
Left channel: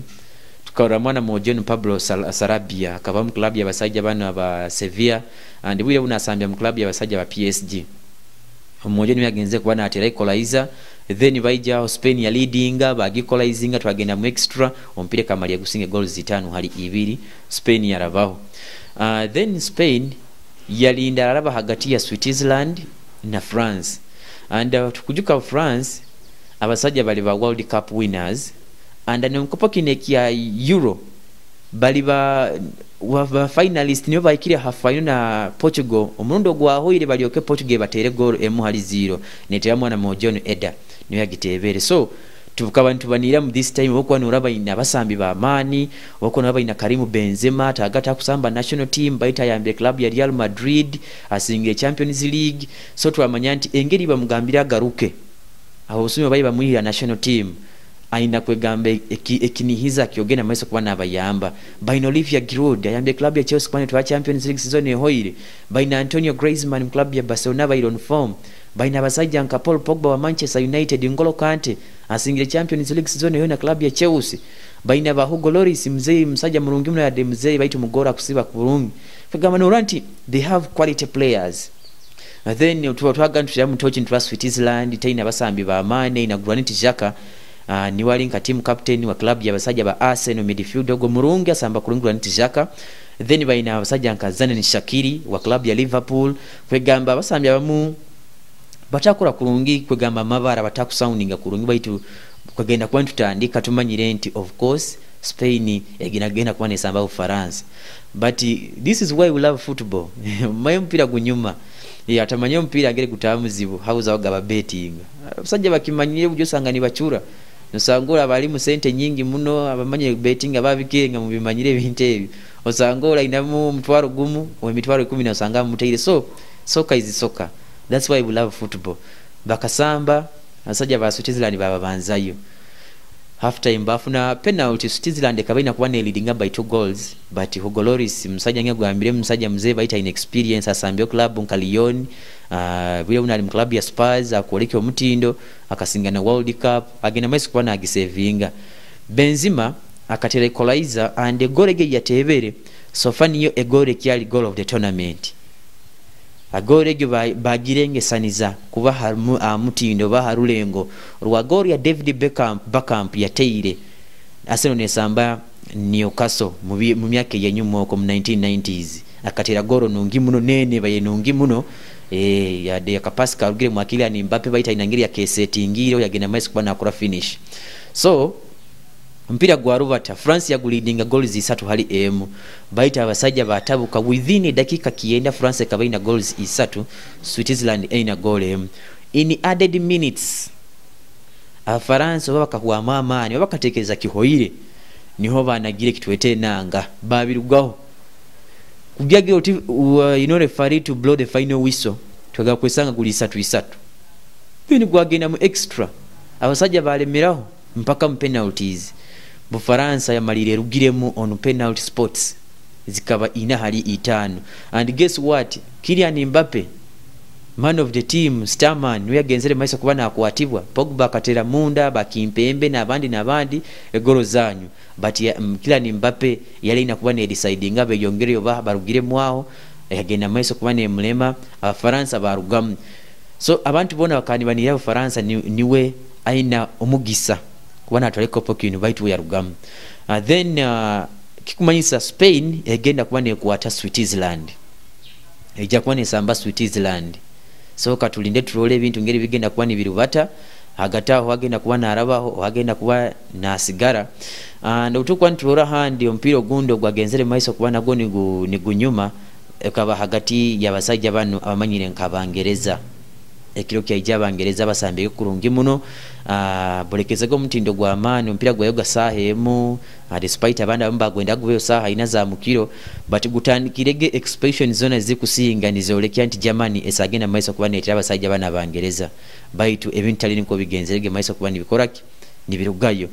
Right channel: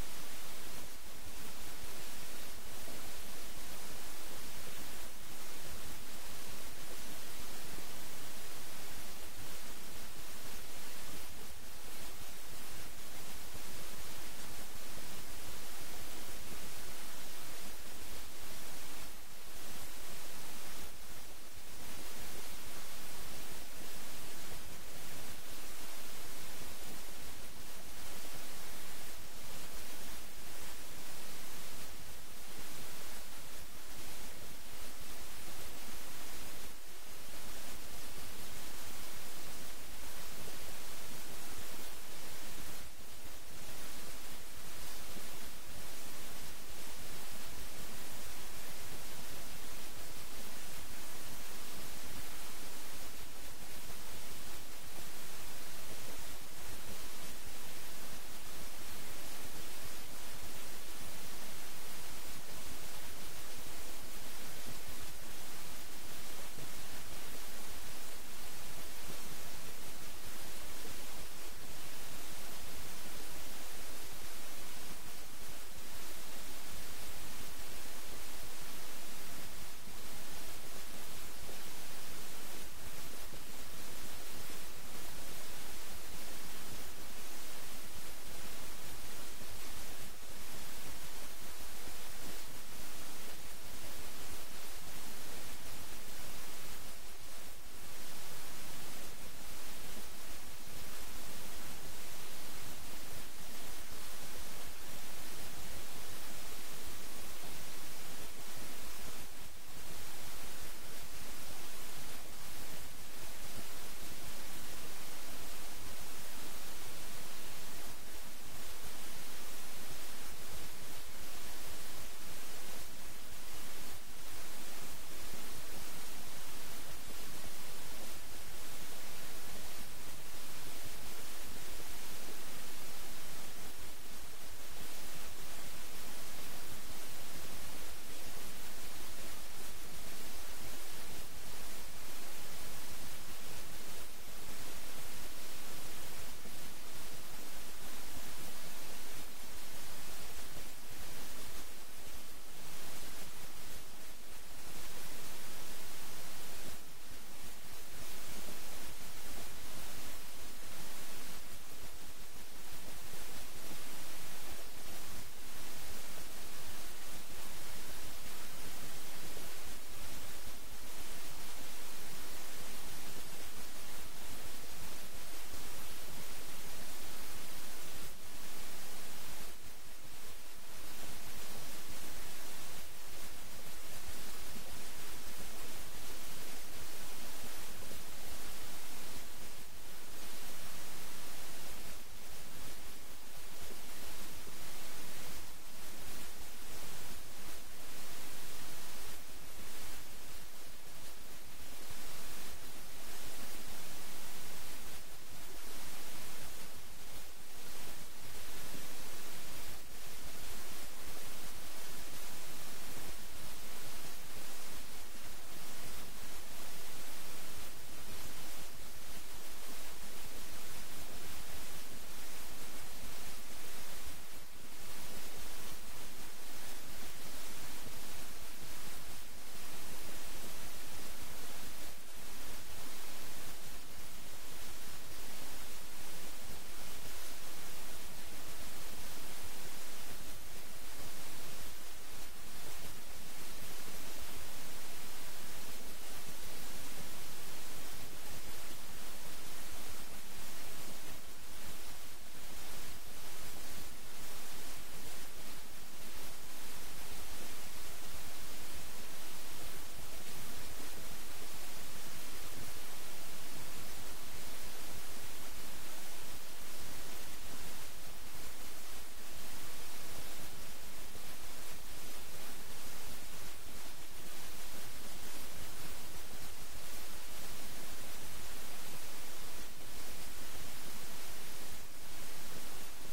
tukara mwana mojo Pablo Sarabia akaba mu club ya basajja bano aba Sevilla and bwire unasambya mu club ya basajja ba PSG mojo ni yagenze kuba na atera equalizer. Then baija Spain ya leadinga bagikolizinga twagenda mu extra ompire kamali ya gusinge goals 5 hali 2 Spain yarabaho. Then Spain yalinda araba hagati ya Switzerland na France and tukujuka France abasajja bali ba World Cup winners and nemkopa kineki ya Euro bali ba finalist niyo baikira half final na Portugal omurundo gwa hoire bali oke Portugal batere goal emu hali 0 netera mwana mojono Eda niyo yagitebere. So tukaba ntubanira mu this time okwa nuraba ina basambi ba amani okwa nuraba ina Karim Benzema tagata kusamba national team baita yambe club ya Real Madrid asinge Champions League. So twamanya nti engeri bamugambira garuke aho usumye bayi bamuhira national team aina kwegambe ekinihiza kyogena maiso kuba nabayamba baina Olivia Giroud ayambe club ya Chelsea kwane twa Champions League season ehoire baina Antonio Griezmann club ya Barcelona bayi on form baina basajja nka Paul Pogba wa Manchester United N'Golo Kante asingile Champions League season ehoire na club ya Chelsea baina ba Hugo Lloris mzee msajja murungi mno ya mzee baitu mugora kusiba kurungi kagama noranti they have quality players. And then tuwaga ntujya mu tochi ntwa Switzerland taina basambi ba amane na Granit Xhaka ni wali nka team captain wa club ya basajja ba Arsenal midfielder go murungi asamba kulungula Granit Xhaka. Then baina basajja nka Zanen Shaqiri wa club ya Liverpool kwegamba basambi abamu batakura kulungi kwegamba mabara batakusoundinga kulungi baitu kwagenda kwa tutandika tumanyire nti of course Spain egina kwa nesamba Ufaransa. But this is why we love football. Mayo mpira gunyuma atamanya mpira agere kutamuzibu hauza wagaba betting basajja bakimanyire bujyo sangani bachura nosangora bali mu sente nyingi muno abamanye betting ababikirenga mu bimanyire binte osangora inamu mtwaro gumu wa mitwaro 10 osanga muteire. So soccer is soccer, that's why we love football. Bakasamba basajja ba Switzerland baba banzayo half time bafuna penalty Switzerland kabaina kuba ne leading by 2 goals but Hugo Lloris msajja ngegwambire msajja mzee baita inexperience asambio club nka Lyon bile unali mu club ya Spurs akoleke omutindo akasinga na World Cup agenda maiso kuba na agisevinga. Benzema akatera equalizer and a goal ge yatebere so fani yo a goal kyali goal of the tournament agore ge bagirenge saniza kuba hamu mutindo baharulengo rwa goal ya David Beckham yateire Arsenal nesamba Newcastle mu myaka yenyuma ko mu 1990s akatera goro nungi muno nene baye nungi muno ya de Pascal ugire mwakili ni Mbappe baita inangiri ya keseti ngiro yagenda mais kuba nakora finish. So mpira gwa rubata France ya gulidinga goals 3 hali emu baita abasajja batabuka within dakika kienda France kabaina goals 3 Switzerland aina goal emu in added minutes. France babakahuwa mama ni babakatekereza kihoire niho banagire kitwete nanga babirugaho kubyage oti referee to blow the final whistle twaga kwesanga guli 3 bini gwagenda mu extra abasajja balemeraho mpaka mu penalties. Bufaransa ya malire rugiremu on penalty spots zikaba ina hali 5 and guess what Kylian Mbappe man of the team starman we agenzere maisa kubana akwatibwa Pogba katera munda bakimpembe nabandi egoro zanyu but Kylian Mbappe yali inakubana deciding abe yongere oba barugire mwaho agenda maisa kubana mulema Abafaransa barugamu. So abantu bona bakanibanira Abafaransa niwe aina omugisa kubana atwale kopo kino baitu yarugamu. Then kikumanyisa Spain egenda kuba nekwata Switzerland, ejja kuba nesamba Switzerland. So katulinde tulole ebintu ngeri bigenda kuba nibirubata agataho agenda kuba narabaho agenda kuba nasigara. And utukwa ntulora handi ompiro gundo gwagenzere maiso kuba nago ni gunyuma ekaba hagati y'abasajja bano abamanyire nkabangereza ekiro kya abangereza basambye kurungi muno. Bolekezego mutindo gwa amani ompira gwa yoga saha emu despite abanda bamba gwenda gweyo saha ina za mukiro but gutandikirege expansion zone zikusinga nizolekya nti Germany esagenda maiso kuba netira abasajja bana abangereza baitu ebintu tali niko bigenzerege maiso kuba nibikoraki nibirugayo.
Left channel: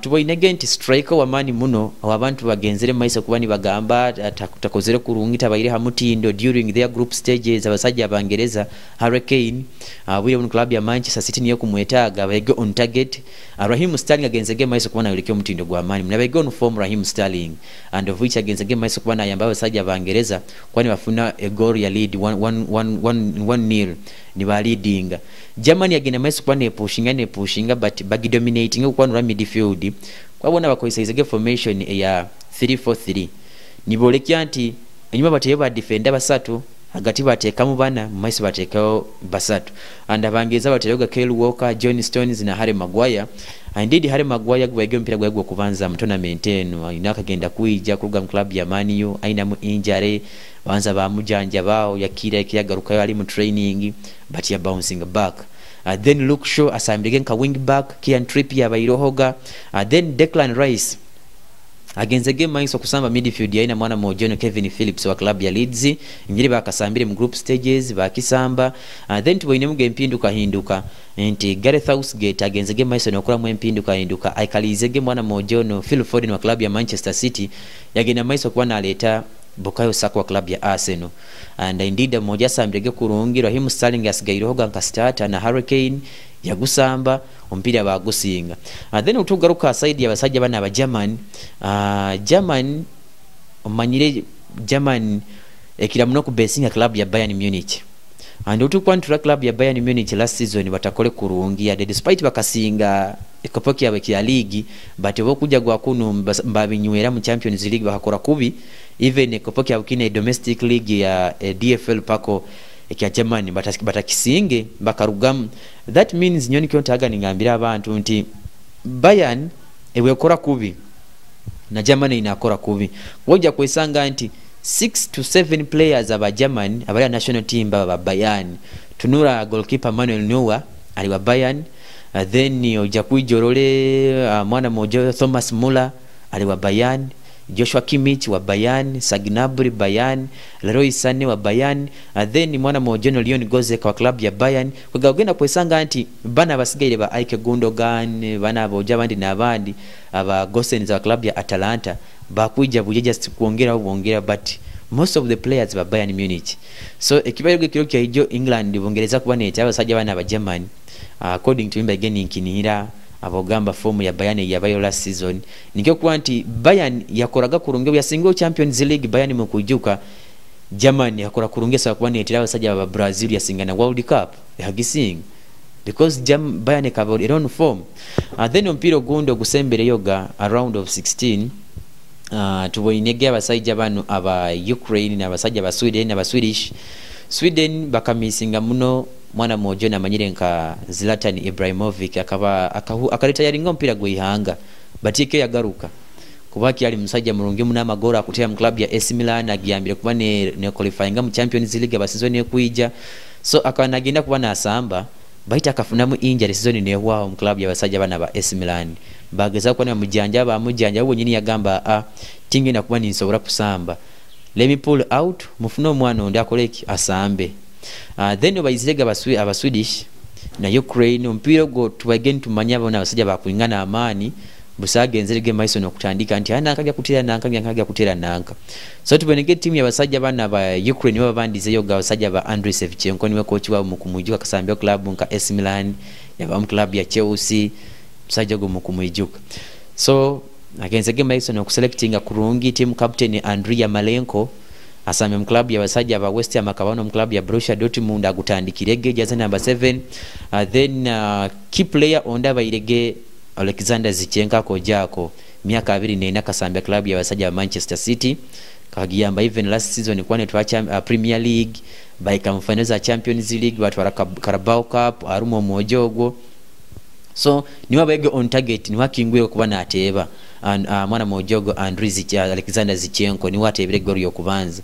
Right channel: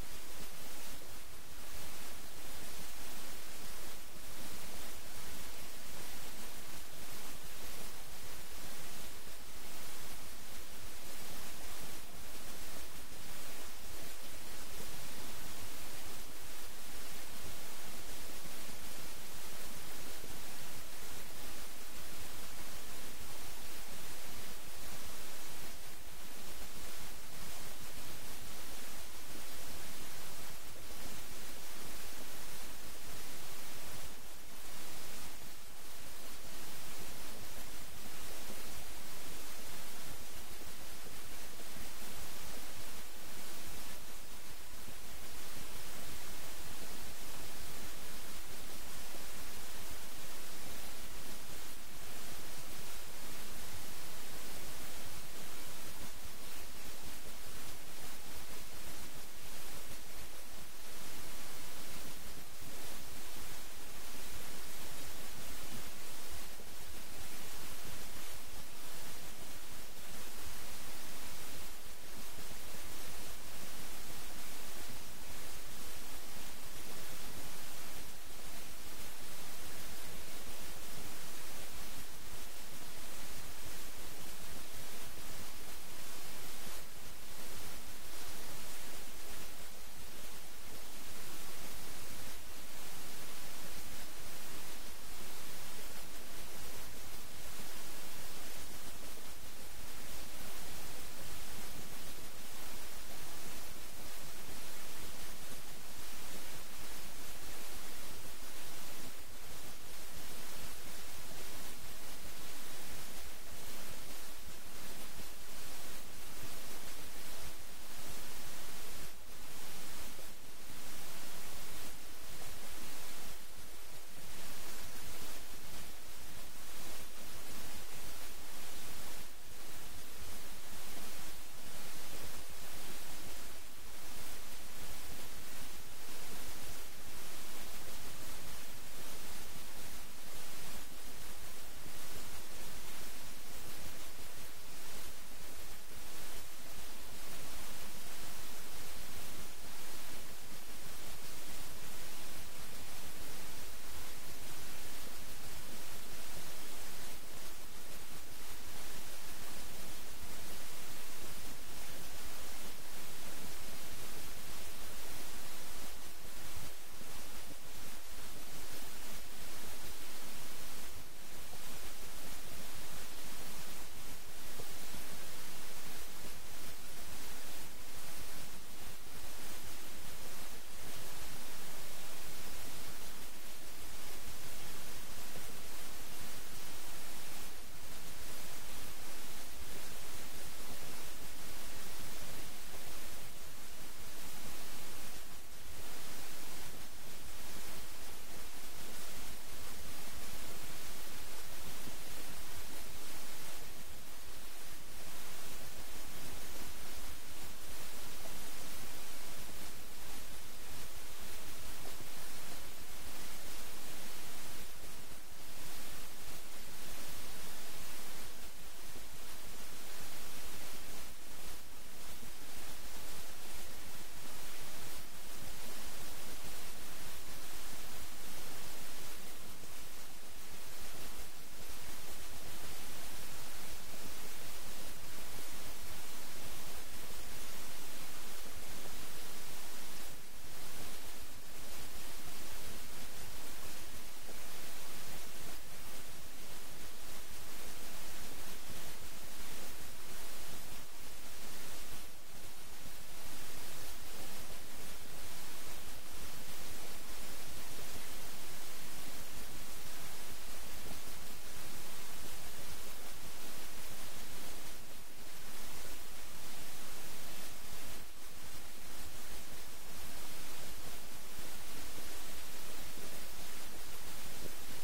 Tuboinege nti striker wa mani muno abantu bagenzere maiso kuba ni bagamba takozere kurungita bayire hamutindo during their group stages abasajja abangereza Hurricane bwire mu club ya Manchester City niyo kumwetaga bayege on target. Raheem Sterling agenzege maiso kuba na yulekyo mutindo gwa mani mnabege on form Raheem Sterling and of which agenzege maiso kuba na yamba abasajja abangereza kwani bafuna a goal ya lead 1-0 ni ba leading. Germany agenda maiso kuba ne pushinga but bagi dominating kwa nura midfield kwabona bakoisaize formation ya 3-4-3 nibolekya nti enyuma bateba defender basatu hagati batekamu bana maiso batekao basatu and abangeza bateyoga Kyle Walker, John Stones na Harry Maguire. Indeed Harry Maguire gwege mpira gwego kubanza mu tournament eno inaka genda kuija kuruga mu club ya Man U aina mu injury banza bamujanja bao yakira yakagaruka yali mu training but ya bouncing back. Then Luke Shaw asambige nka wing back Kieran Trippier abairohoga. Then Declan Rice agenze game maiso kusamba midfield ya ina mwana mojono Kevin Phillips wa club ya Leeds ngiri bakasambire mu group stages bakisamba. Then tuboine mu game pinduka hinduka nti Gareth Southgate agenze game maiso nokora mu mpinduka hinduka aikalize game mwana mojono Phil Foden wa club ya Manchester City yagena maiso kuba naleta Bukayo Saka wa club ya Arsenal. And indeed moja sambirege kurungi Raheem Sterling asigairohoga nka starter na Hurricane yagusamba ompira bagusinga. Then utugaruka side ya basajja bana aba German omanyire German ekira muno ku basing club ya Bayern Munich. And utukwantura club ya Bayern Munich last season batakole kurungi ya despite bakasinga ekopoki ya ya league but bokuja gwa kuno mbabinywera mu Champions League bakakora kubi even ekopoki ya ukine domestic league ya DFL pako ekya Germany batakisinge bakarugamu. That means nyoni kyontaga ningambira abantu nti Bayern ewe kora kubi na Germany inakora kubi wojja kwesanga nti 6 to 7 players aba Germany abali national team baba Bayern. Tunura goalkeeper Manuel Neuer ali wa Bayern. Then ojja kujorole mwana mojo Thomas Muller ali wa Bayern. Joshua Kimmich wa Bayern, Gnabry Bayern, Leroy Sané wa Bayern. Then mwana mojono Leon Goretzka wa club ya Bayern. Kugagenda kwesanga nti bana basigaire ba Ike Gundogan bana aboja bandi nabandi aba Gosens wa club ya Atalanta bakuija buje just kuongera but most of the players ba Bayern Munich. So ekibayo kiro kya ijo England bongereza kuba neta abasajja bana aba German according to him again inkinira abogamba form ya Bayern ya bayo last season nikyo kwanti Bayern yakoraga kurunge ya single Champions League Bayern mu kujuka Germany yakora kurungesa kuba netira abasajja aba Brazil ya singana World Cup yagising because Bayern covered their own form. Then ompiro gundo gusembere yoga a round of 16 tuboinege abasajja bano aba Ukraine na abasajja ba Sweden na aba Sweden bakamisinga muno mwana mojo na manyire nka Zlatan Ibrahimovic akaleta yaringa mpira gwihanga batike yagaruka kubaki ali musajja mulungi muna magora akutera mu club ya AC Milan agiyambire kuba ne qualifying mu Champions League aba season ekuija. So akanagenda kuba na asamba baita akafuna mu injury season ne wao mu club ya basajja bana ba AC Milan bageza kuba mujanja abo nyini yagamba tingi na kuba ninsobora kusamba let me pull out mufuno mwana ndi akoleki asambe. Then bayizirega aba Swedish na Ukraine mpira go tubageni tumanya bona abasajja bakuingana amani busagenzerege maiso no kutandika nti ana akajja kutera nanka. So tubenege team ya basajja bana ba Ukraine baba bandize yoga abasajja ba Andriy Shevchenko niwe coach wa mukumujuka kasambia club nka AC Milan yaba mu club ya Chelsea musajja go mukumujuka. So agenzege maiso no kuselectinga kurungi team captain Andriy Yarmolenko asambye mu club y'abasajja aba West Ham akabano mu club ya Borussia Dortmund agutandikirege jaza number 7 then key player onda bayirege Alexander Zichenka kojako miaka 24 kasambya club y'abasajja ba Manchester City kagiyamba even last season kwane twa Premier League by finals za Champions League batwara Carabao Cup arumo mojogo so niwa bayege on target niwa kingwe kuba nateba and mwana mojogo Alexander Zichenko niwa atebere gori yokubanza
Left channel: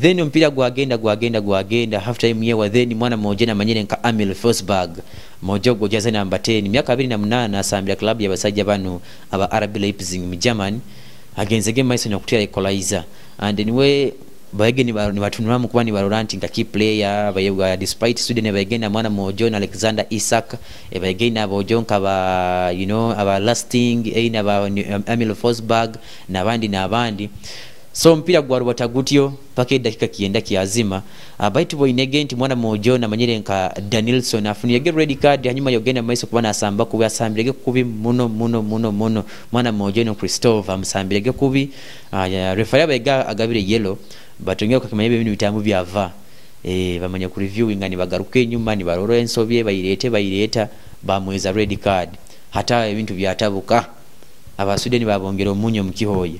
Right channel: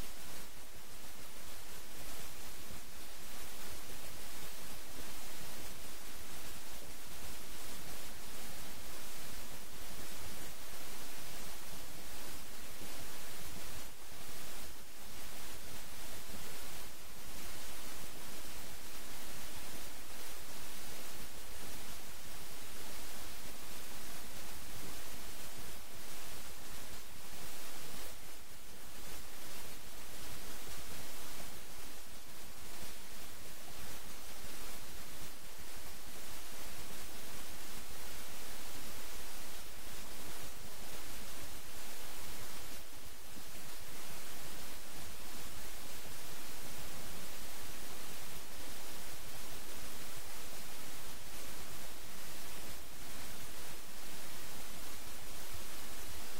then mpira gwagenda half time yewa then mwana mojena manyene nka Emil Forsberg mojogo jaza number 10 miaka 28 asambya club y'abasajja bano aba RB Leipzig mu Germany against game Mason okutia equalizer and anyway bayege ni batunura mu kuba ni baroranti nka key player bayega despite Sweden bayegenda mwana mojo na Alexander Isak bayegenda abojonka ba aba lasting ina ba Emil Forsberg na bandi so mpira gwarubata gutyo pake dakika kienda kiazima baitu boy negenti mwana mojo na manyere nka Danielson afuniye red card hanyuma yogenda maiso kubana asamba kuba asambirege kubi muno mwana mojo no Christophe amsambirege kubi referee bayega agabire yellow batongera kakimanya ibintu bitambu byava bamanya ku reviewing ngani bagaruke nyuma ni baroro ensobye bayireta bamweza red card hata ibintu byatabuka abasudeni babongera omunyo mukihoye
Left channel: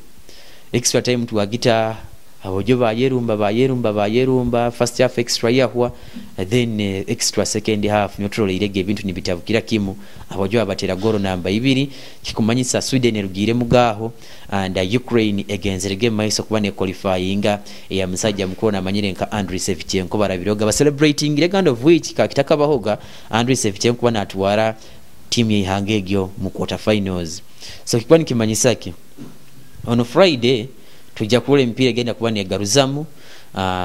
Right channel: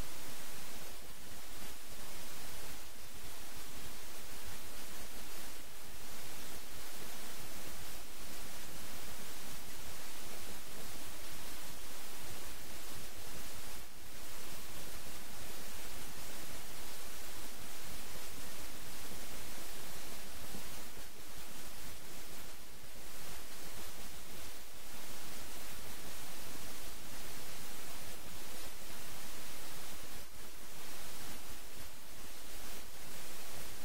extra time tuwagita abojo bayerumba first half extra yahwa then extra second half neutral irege ibintu nibitabukira kimu abojo abatera goro namba 2 kikumanyisa Sweden rugire mugaho and Ukraine against the game maiso kubane qualifying ya msajja mkuru na manyire nka Andriy Shevchenko barabiroga ba celebrating the kind of which kakitaka bahoga Andriy Shevchenko bana atwara team ya Hangegyo mu quarter finals so kikwani kimanyisaki on Friday tujja kule mpira genda kuba ne garuzamu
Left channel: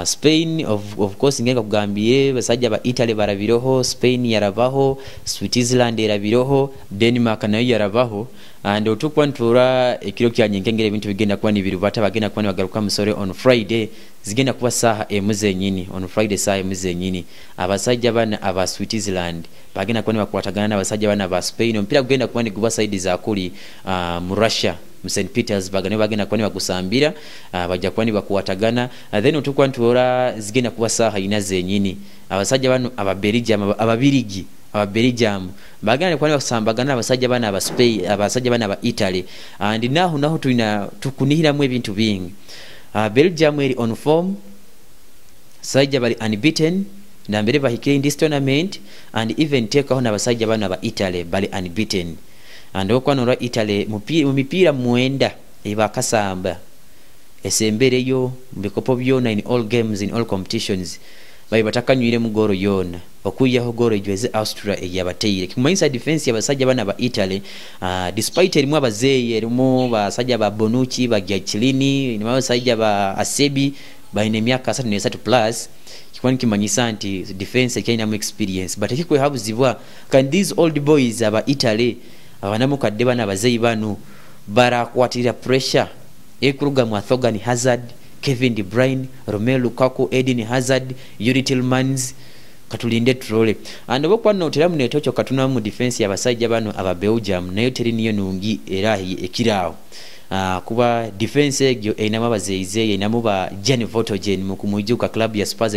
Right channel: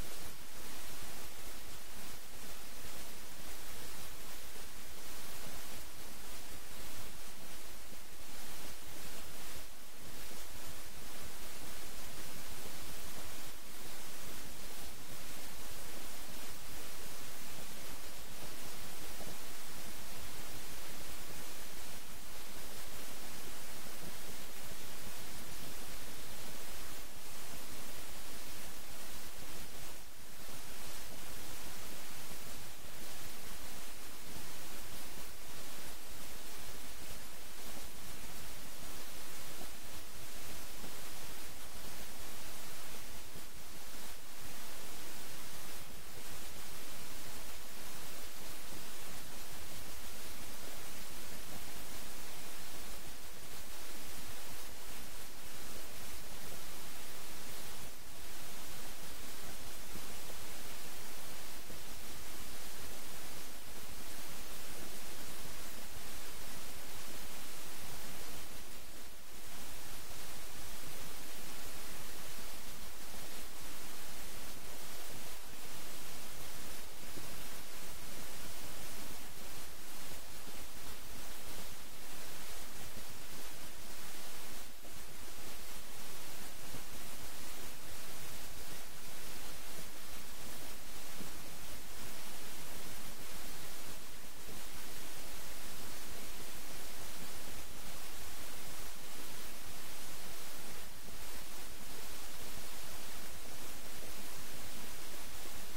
Spain of course ngenga kugambie basajja ba Italy barabiroho Spain yarabaho Switzerland yarabiroho Denmark nayo yarabaho and otukwantura ekiro kyanyengengere ebintu bigenda kuba ni birubata bagenda kuba bagaruka musore on Friday zigenda kuba saha emuze nyini on Friday saha emuze nyini abasajja bana aba Switzerland bagenda kuba bakwatagana n'abasajja bana ba Spain mpira kugenda kuba ni guba side za kuli mu Russia mu St Petersburg ne bagenda kuba bagusambira bajja kuba bakuwatagana then otukwantura zigenda kuba saha inaze nyini abasajja bano aba Belgium bagana kwa basambagana abasajja bana aba Spain abasajja bana aba Italy and naho tukunihira mu ebintu bingi Belgium eri on form sajja bali unbeaten na mbere bahikire in this tournament and even take on abasajja bana aba Italy bali unbeaten and okwanora Italy mu mipira mwenda ibakasamba esembere yo mbikopo byona in all games in all competitions bayi batakanywire mu goro yona okuyaho goro ijweze Austria yabateire kimanyisa defense yabasajja bana ba Italy despite elimu abazeye elimu basajja ba Bonucci ba Giacchini ni basajja ba Asebi baine myaka 33 plus kikwani kimanyisa nti defense kaina mu experience but kikwe habuzibwa can these old boys aba Italy abanamukadde bana bazeye banu barakwatira pressure ekuruga mu Thorgan Hazard Kevin De Bruyne, Romelu Lukaku, Eden Hazard, Yuri Tillmans katulinde trole and bokwa no teramu netocho katuna mu defense yabasajja bano aba Belgium nayo teri niyo nungi erahi ekirawo kuba defense egyo enama bazeize enamo ba Gianni Vertonghen mu kumujuka club ya Spurs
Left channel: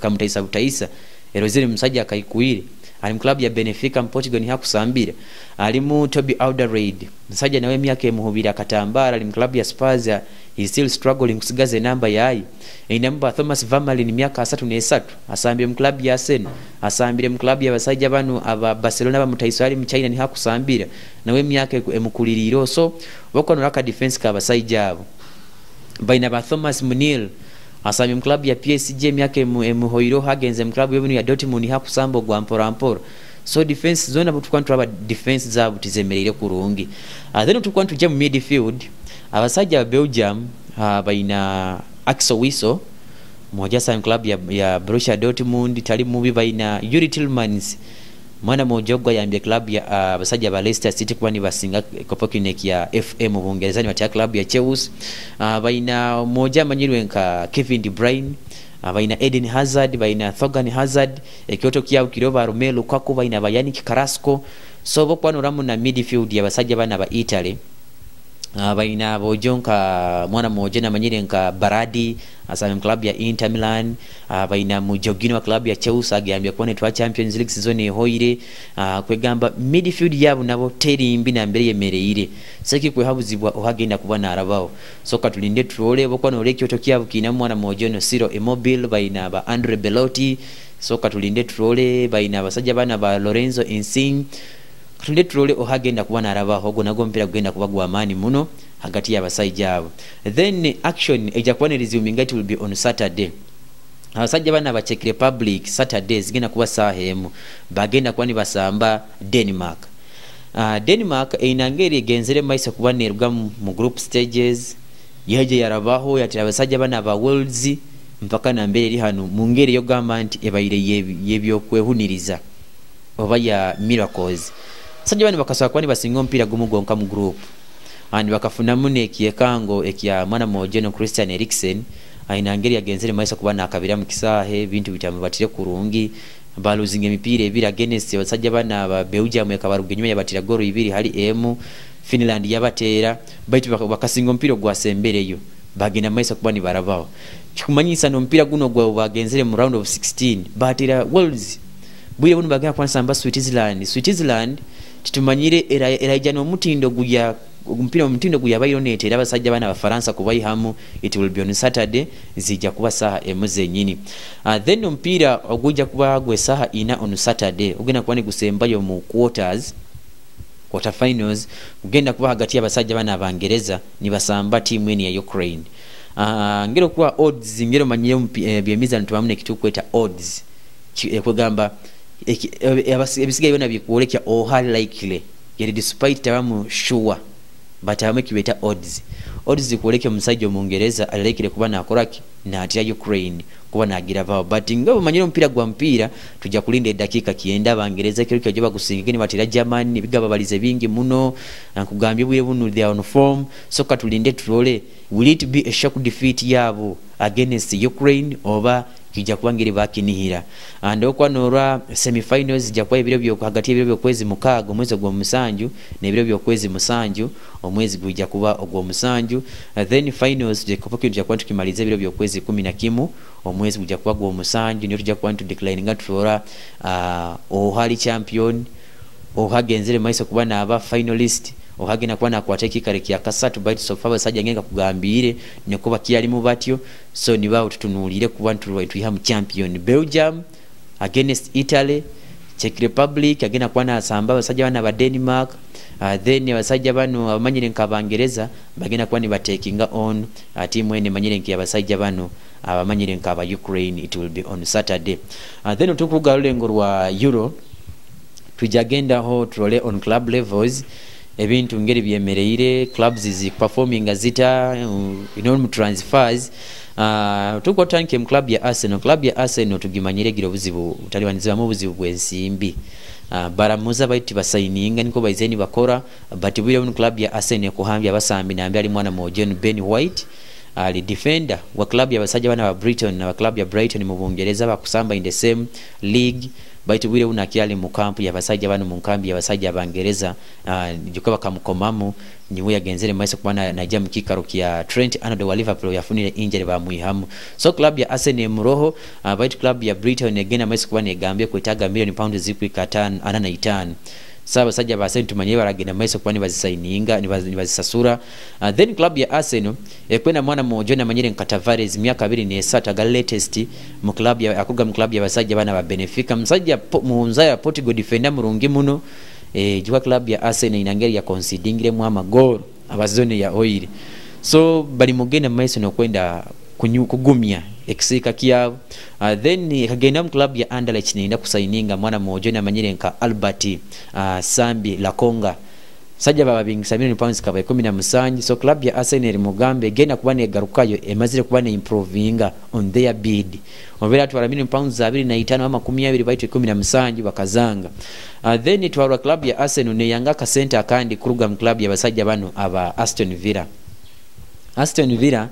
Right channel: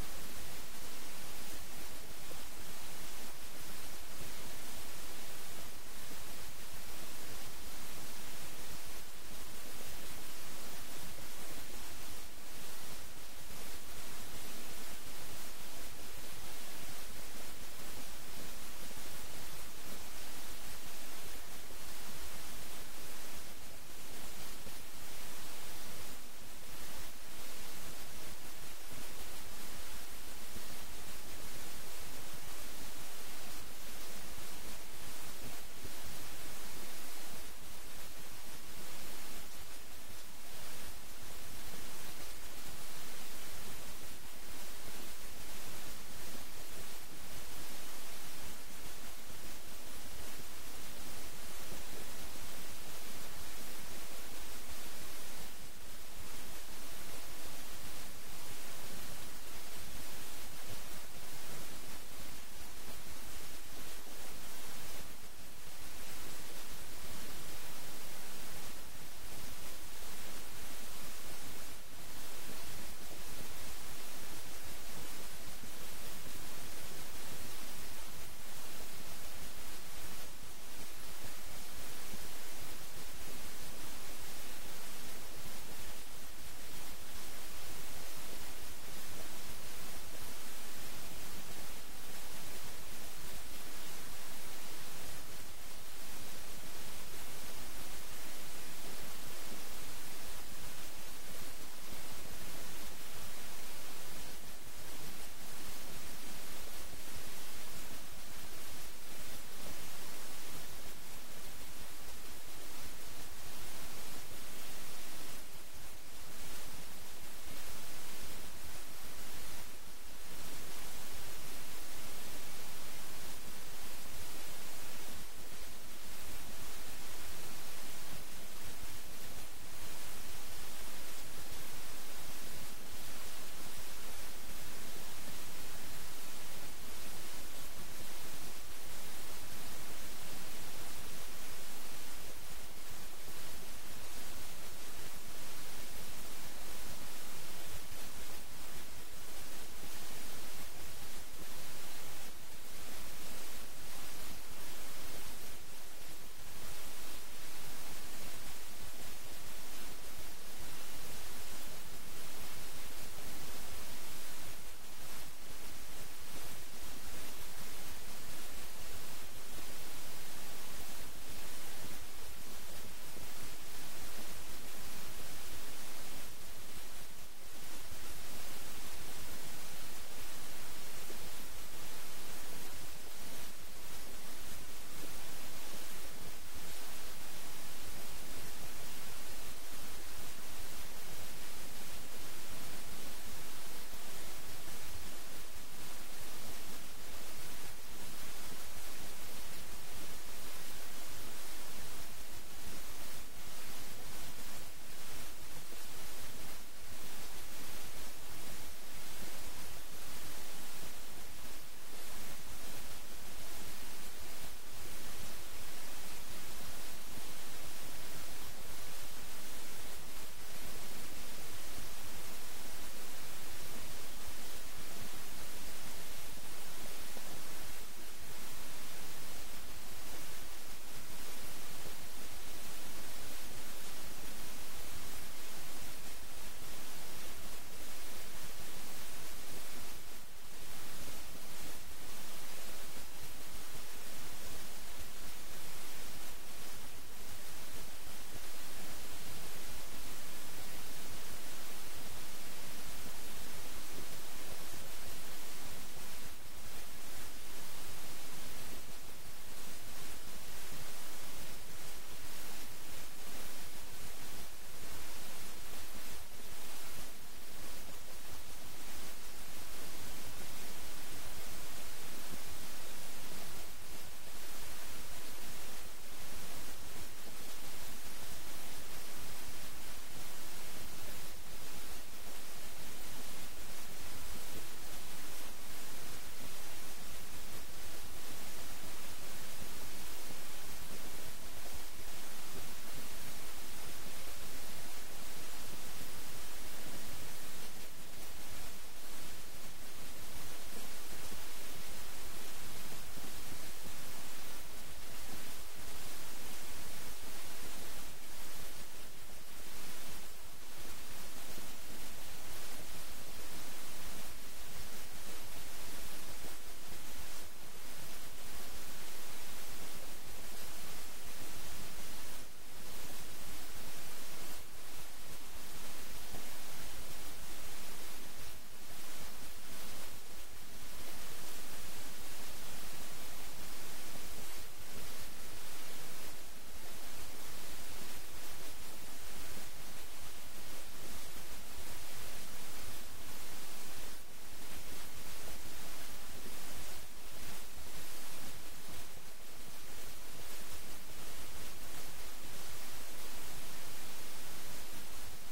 kamutaisa butaisa erozere musajja akaikuire ali mu club ya Benfica Portugal ni hakusambira ali mu Toby Alderweireld musajja nawe myaka emuhubira katambara ali mu club ya Spurs is still struggling kusigaze namba yayi inamba Thomas Vermaelen myaka 33 asambire mu club ya Arsenal asambire mu club ya basajja bano aba Barcelona bamutaisa ali mu China ni hakusambira nawe myaka emukuliriro so bokono raka defense ka basajja abo baina ba Thomas Munil asambire mu club ya PSG myaka emuhoiro hagenze mu club y'ebinu ya Dortmund hakusambo gwa mpora so defense zona butukwantu aba defense zabo tizemerere kurungi then tukwantu je mu midfield abasajja ba Belgium baina Axel Witsel moja sa club ya Borussia Dortmund tali mubi baina Yuri Tillmans mwana mojogwa ya club ya abasajja ba Leicester City kwani basinga Kopokinek ya FM mu Bungereza ni wa club ya Chelsea baina moja manyirwe nka Kevin De Bruyne baina Eden Hazard baina Thorgan Hazard ekyoto kya ukiroba Romelu Lukaku baina Yannick Carrasco so bokwano ramu na midfield ya basajja bana ba Italy baina bojonka mwana moja na manyire nka Baradi asa club ya Inter Milan, baina mujogino wa club ya Chelsea agambye kwa netwa Champions League season ehoire, kwegamba midfield yabo nabo teri mbi na mbere yemereire saki kwe habuzibwa ohagenda kubana arabaho soka tulinde tuole bokwa no lekyo tokia bukina mwana moja no Ciro Immobile baina ba Andre Belotti, soka tulinde tuole baina basajja bana ba Lorenzo Insigne, tulinde tuole ohagenda kubana arabaho go nago mpira kugenda kubagwa amani muno hagati ya basajja abo. Then action ejakuwa resuming it will be on Saturday. Abasajja bana ba Czech Republic Saturdays gina kuba sahemu bagenda kwani basamba Denmark. Denmark inangeri genzere maisa kuba nerwa mu group stages yaje yarabaho yatira abasajja bana ba Worlds mpaka na mbere ri hano mu ngeri yo government ebayire yebyo kwehuniriza oba ya miracles. Abasajja bana bakasaba kwani basinga mpira gumugonka mu group and bakafuna mune ekiyekango ekya mwana moja no Christian Eriksen ainangeri agenzere maisa kuba nakabira mu kisahe bintu bitamubatire kurungi baluzinga emipira ebiri against abasajja bana ba Belgium ekabaruga nyuma yabatira goro ibiri hali Finland yabatera baitu bakasinga mpira gwasembereyo bagenda maisa kuba ni barabaho kikumanyisa no mpira guno gwa bagenzere mu round of 16 batira Wales bwire buno bagenda kwansamba Switzerland titumanyire era jano mutindo guya mpira omutindo guyabayiro netera abasajja bana abafaransa kubayihamu. It will be on Saturday zijja kuba saha emuze nyini. Then mpira ogujja kuba gwe saha ina on Saturday ugenda kuba ni gusembayo mu quarter finals ugenda kuba hagati y'abasajja bana abangereza ni basamba timu eni ya Ukraine. Ngero kuba odds ngero manyiye byemizano tubamune kitukweta odds kwegamba ebisigaye bana bikuolekya highly likely yali despite tabamu sure but amekibeta odds kuolekya musajja omungereza alekire kuba nakoraki na atya Ukraine kuba nagira vao but ngabo manyiro mpira gwa mpira tujja kulinda dakika kienda abangereza kiro kyajoba kusingikeni batira Germany bigaba balize bingi muno nakugambye bwiye bunu they are on form soka tulinde turole will it be a shock defeat yabo against Ukraine oba kijja kubangire bakinihira and okwanora semifinals jakwa ebiro byo hagati ebiro byo kwezi mukago mwezi gwa musanju ne ebiro byo kwezi musanju omwezi gujja kuba ogwo musanju. Then finals je kopokyo jakwa tukimaliza ebiro byo kwezi 11 omwezi gujja kuba gwo musanju niyo tujja kuba decline ngatura ohali champion ohagenzere maiso kuba na aba finalist ohagena kuba na kwateki kare kya kasatu bite so far basajja ngenga kugambire ne kuba kiyali mu batyo so ni bawo tutunulire kuba tuihamu champion Belgium against Italy, Czech Republic agena kuba na asamba basajja bana ba Denmark. Then abasajja bano abamanyire nkabangereza bagena kuba ni batekinga on timu ene manyire nki abasajja bano abamanyire nkaba Ukraine. It will be on Saturday. Then tukugalule ngorwa Euro tujagenda ho trole on club levels ebintu ngeri byemereire clubs is performing azita mu transfers. Tuko tanke club ya Arsenal tugimanyire giro buzibu utaliwanizwa mu buzibu bwensimbi baramuza baiti basaininga niko baizeni bakora but bwire mu club ya Arsenal kuhambya basambi nambi ali mwana mo John Ben White ali defender wa club ya basajja bana ba Brighton na club ya Brighton mu Bungereza bakusamba in the same league baitu bwire unakiali mu kampu ya basajja bana mu kambi ya basajja abangereza jukaba kamukomamu niwe yagenzere maisa kubana najja mukikaro kya Trent Arnold wa Liverpool yafunire injury ba muihamu. So club ya Arsenal muroho baitu club ya Brighton again maisa kubana egambye kwetaga million pounds zikwika 5 saba sajja ba Arsenal tumanye baragenda maisa kubani bazisaininga ni bazisasura. Then club ya Arsenal ekwena mwana mojo na manyire Tavares myaka 2 ga latest mu club ya akuga mu club ya basajja bana ba Benfica msajja muunza ya Portugal defender murungi muno jwa club ya Arsenal inangeri ya concedingire mu amagoro abazone ya oil so bali mugenda maiso no kwenda kugumya ekisika kyabo. Then kagenda mu club ya Anderlecht ninda kusaininga mwana mojo na manyire Albert Sambi Lakonga sajja baba bingisa £1 kaba 17. So club ya Arsenal mugambe gena kubane garukayo emazire kubane improvinga on their bid obera twala £25 ama 12 baitu 17 bakazanga. Then twala club ya Arsenal ne yanga ka center kandi kuruga mu club ya basajja bano aba Aston Villa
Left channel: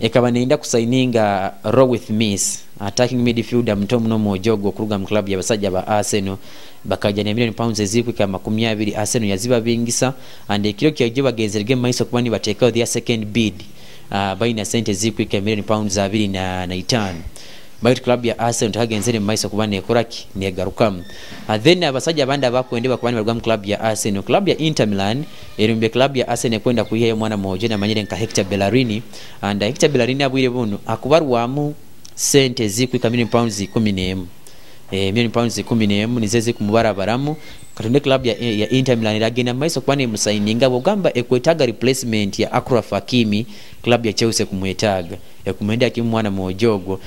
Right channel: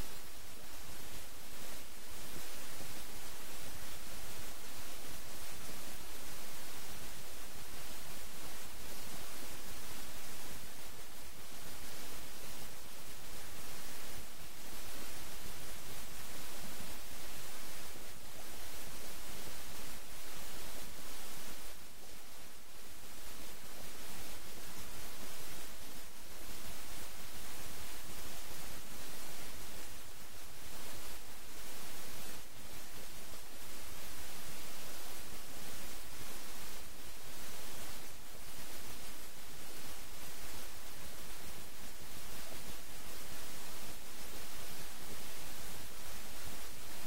ekaba nenda kusaininga Row with Miss attacking midfielder mtomu no Mojogo okuruga mu club y'abasajja ba Arsenal bakaja ne million pounds ezikwika 20 Arsenal yaziba bingisa and ekiro kyaje bagenzerege maiso kuba ni bateekao their second bid baina sente ezikwika million pounds 25 Bite club ya Arsenal tagagenzere maiso kuba nekoraki negarukamu then abasajja abandi abakwendeba kuba ni balwa mu club ya Arsenal club ya Inter Milan erumbe club ya Arsenal kwenda kuyiha mwana mmoja na manyire nka Hector Bellerin and Hector Bellerin abwire buno akubarwamu sente zikwika million pounds 11 million pounds 11 nizeze kumubarabaramu katonde club ya Inter Milan iragenda maiso kwani musaininga bogamba ekwetaga replacement ya Achraf Hakimi club ya Chelsea kumwetaga yakumwenda Hakimu mwana Mojogo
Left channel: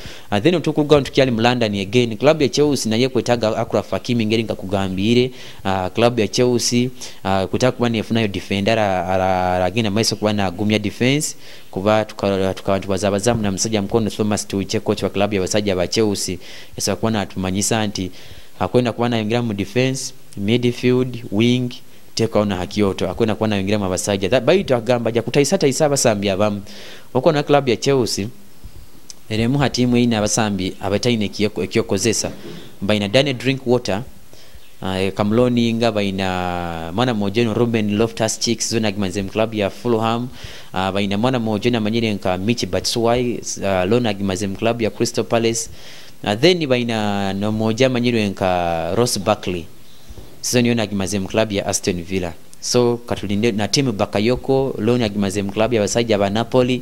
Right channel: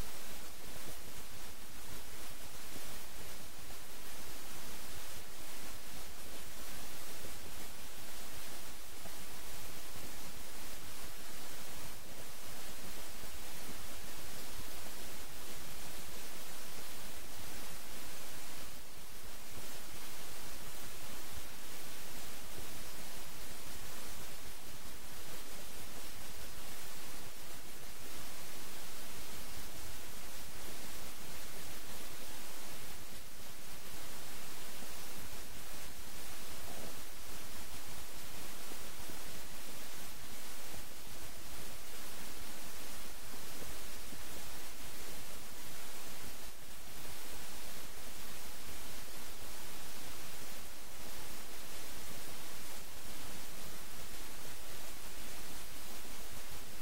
then tukuga tukyali mu London again club ya Chelsea naye kwetaga Achraf Hakimi ngeri ngakugambire club ya Chelsea kutaka kuba nefunayo defender aragenda maiso kuba na agumya defense kuba tukabantu bazabazamu na msajja mkono Thomas Tuchel coach wa club ya basajja ba Chelsea yasa kuba atumanyisa nti akwenda kuba nayingira mu defense midfield wing tekaona Hakioto akwenda kuba nayingira mu basajja that baito agamba ja kutaisa abasambi abamu oko na club ya Chelsea eremu hatimu ina abasambi abataine kiyokozesa baina Daniel Drinkwater Kamloni nga baina mwana mojeno Ruben Loftus-Cheek zona gimanze club ya Fulham baina mwana mojeno manyire nka Michi Batshuayi lona gimanze club ya Crystal Palace then baina no moja manyire nka Ross Barkley season yona gimanze club ya Aston Villa so katulinde na timu Bakayoko lona gimanze club ya basajja ba Napoli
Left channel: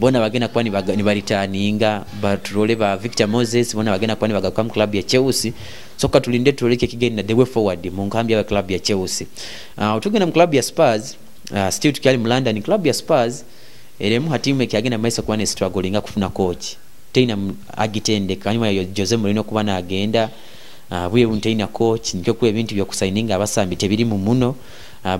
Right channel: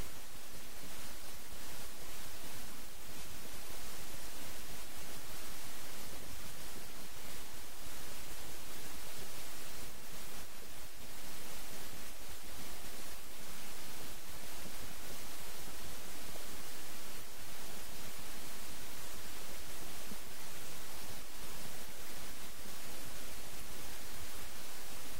bona bagena kwani ni baritaninga batrole ba Victor Moses bona bagena kwani bagakwa club ya Chelsea so katulinde tuleke kigeni na the way forward mu nkambi ya club ya Chelsea utugena mu club ya Spurs still tukyali mu London club ya Spurs eremu hatimu ekagenda maisa kwani struggling kufuna coach teina agitende kanyuma ya Jose Mourinho kuba na agenda buye unteina coach nikyo ku ebintu bya kusigninga abasambi tebiri mu muno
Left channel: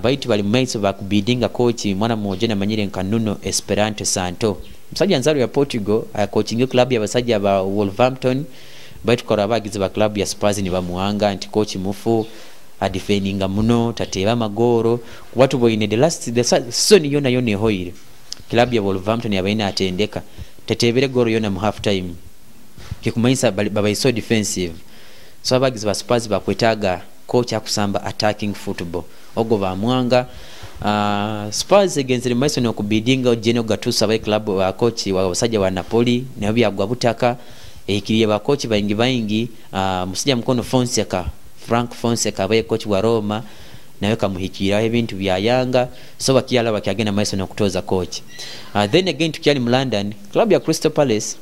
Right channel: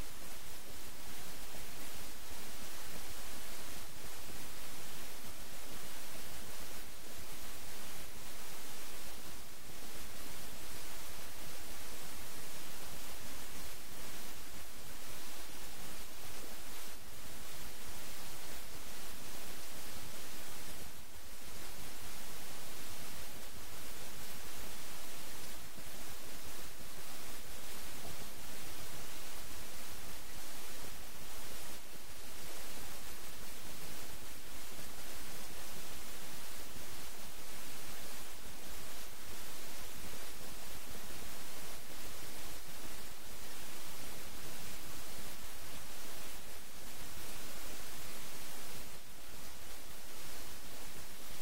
baitu bali maisa bakubidinga coach mwana mmoja na manyire nkanuno Esperanto Santo msajja nzaro ya Portugal coaching club ya basajja ba Wolverhampton baitu kora bagize ba club ya Spurs ni bamuanga anti coach mufu defendinga muno tateba magoro watu boine the season yona yone hoire club ya Wolverhampton yabaina atendeka tetebere goro yona mu half time kikumaisa baba iso defensive so bagize ba Spurs bakwetaga coach akusamba attacking football ogo bamwanga Spurs against the Mason okubidinga Geno Gattuso abaye club wa coach wa basajja wa Napoli nayo byagwa butaka ekiriye ba coach baingi musajja mkono Frank Fonseca abaye coach wa Roma nayo kamuhikira ebintu bya Yanga so bakiyala bakagenda Mason okutoza coach then again tukyali mu London club ya Crystal Palace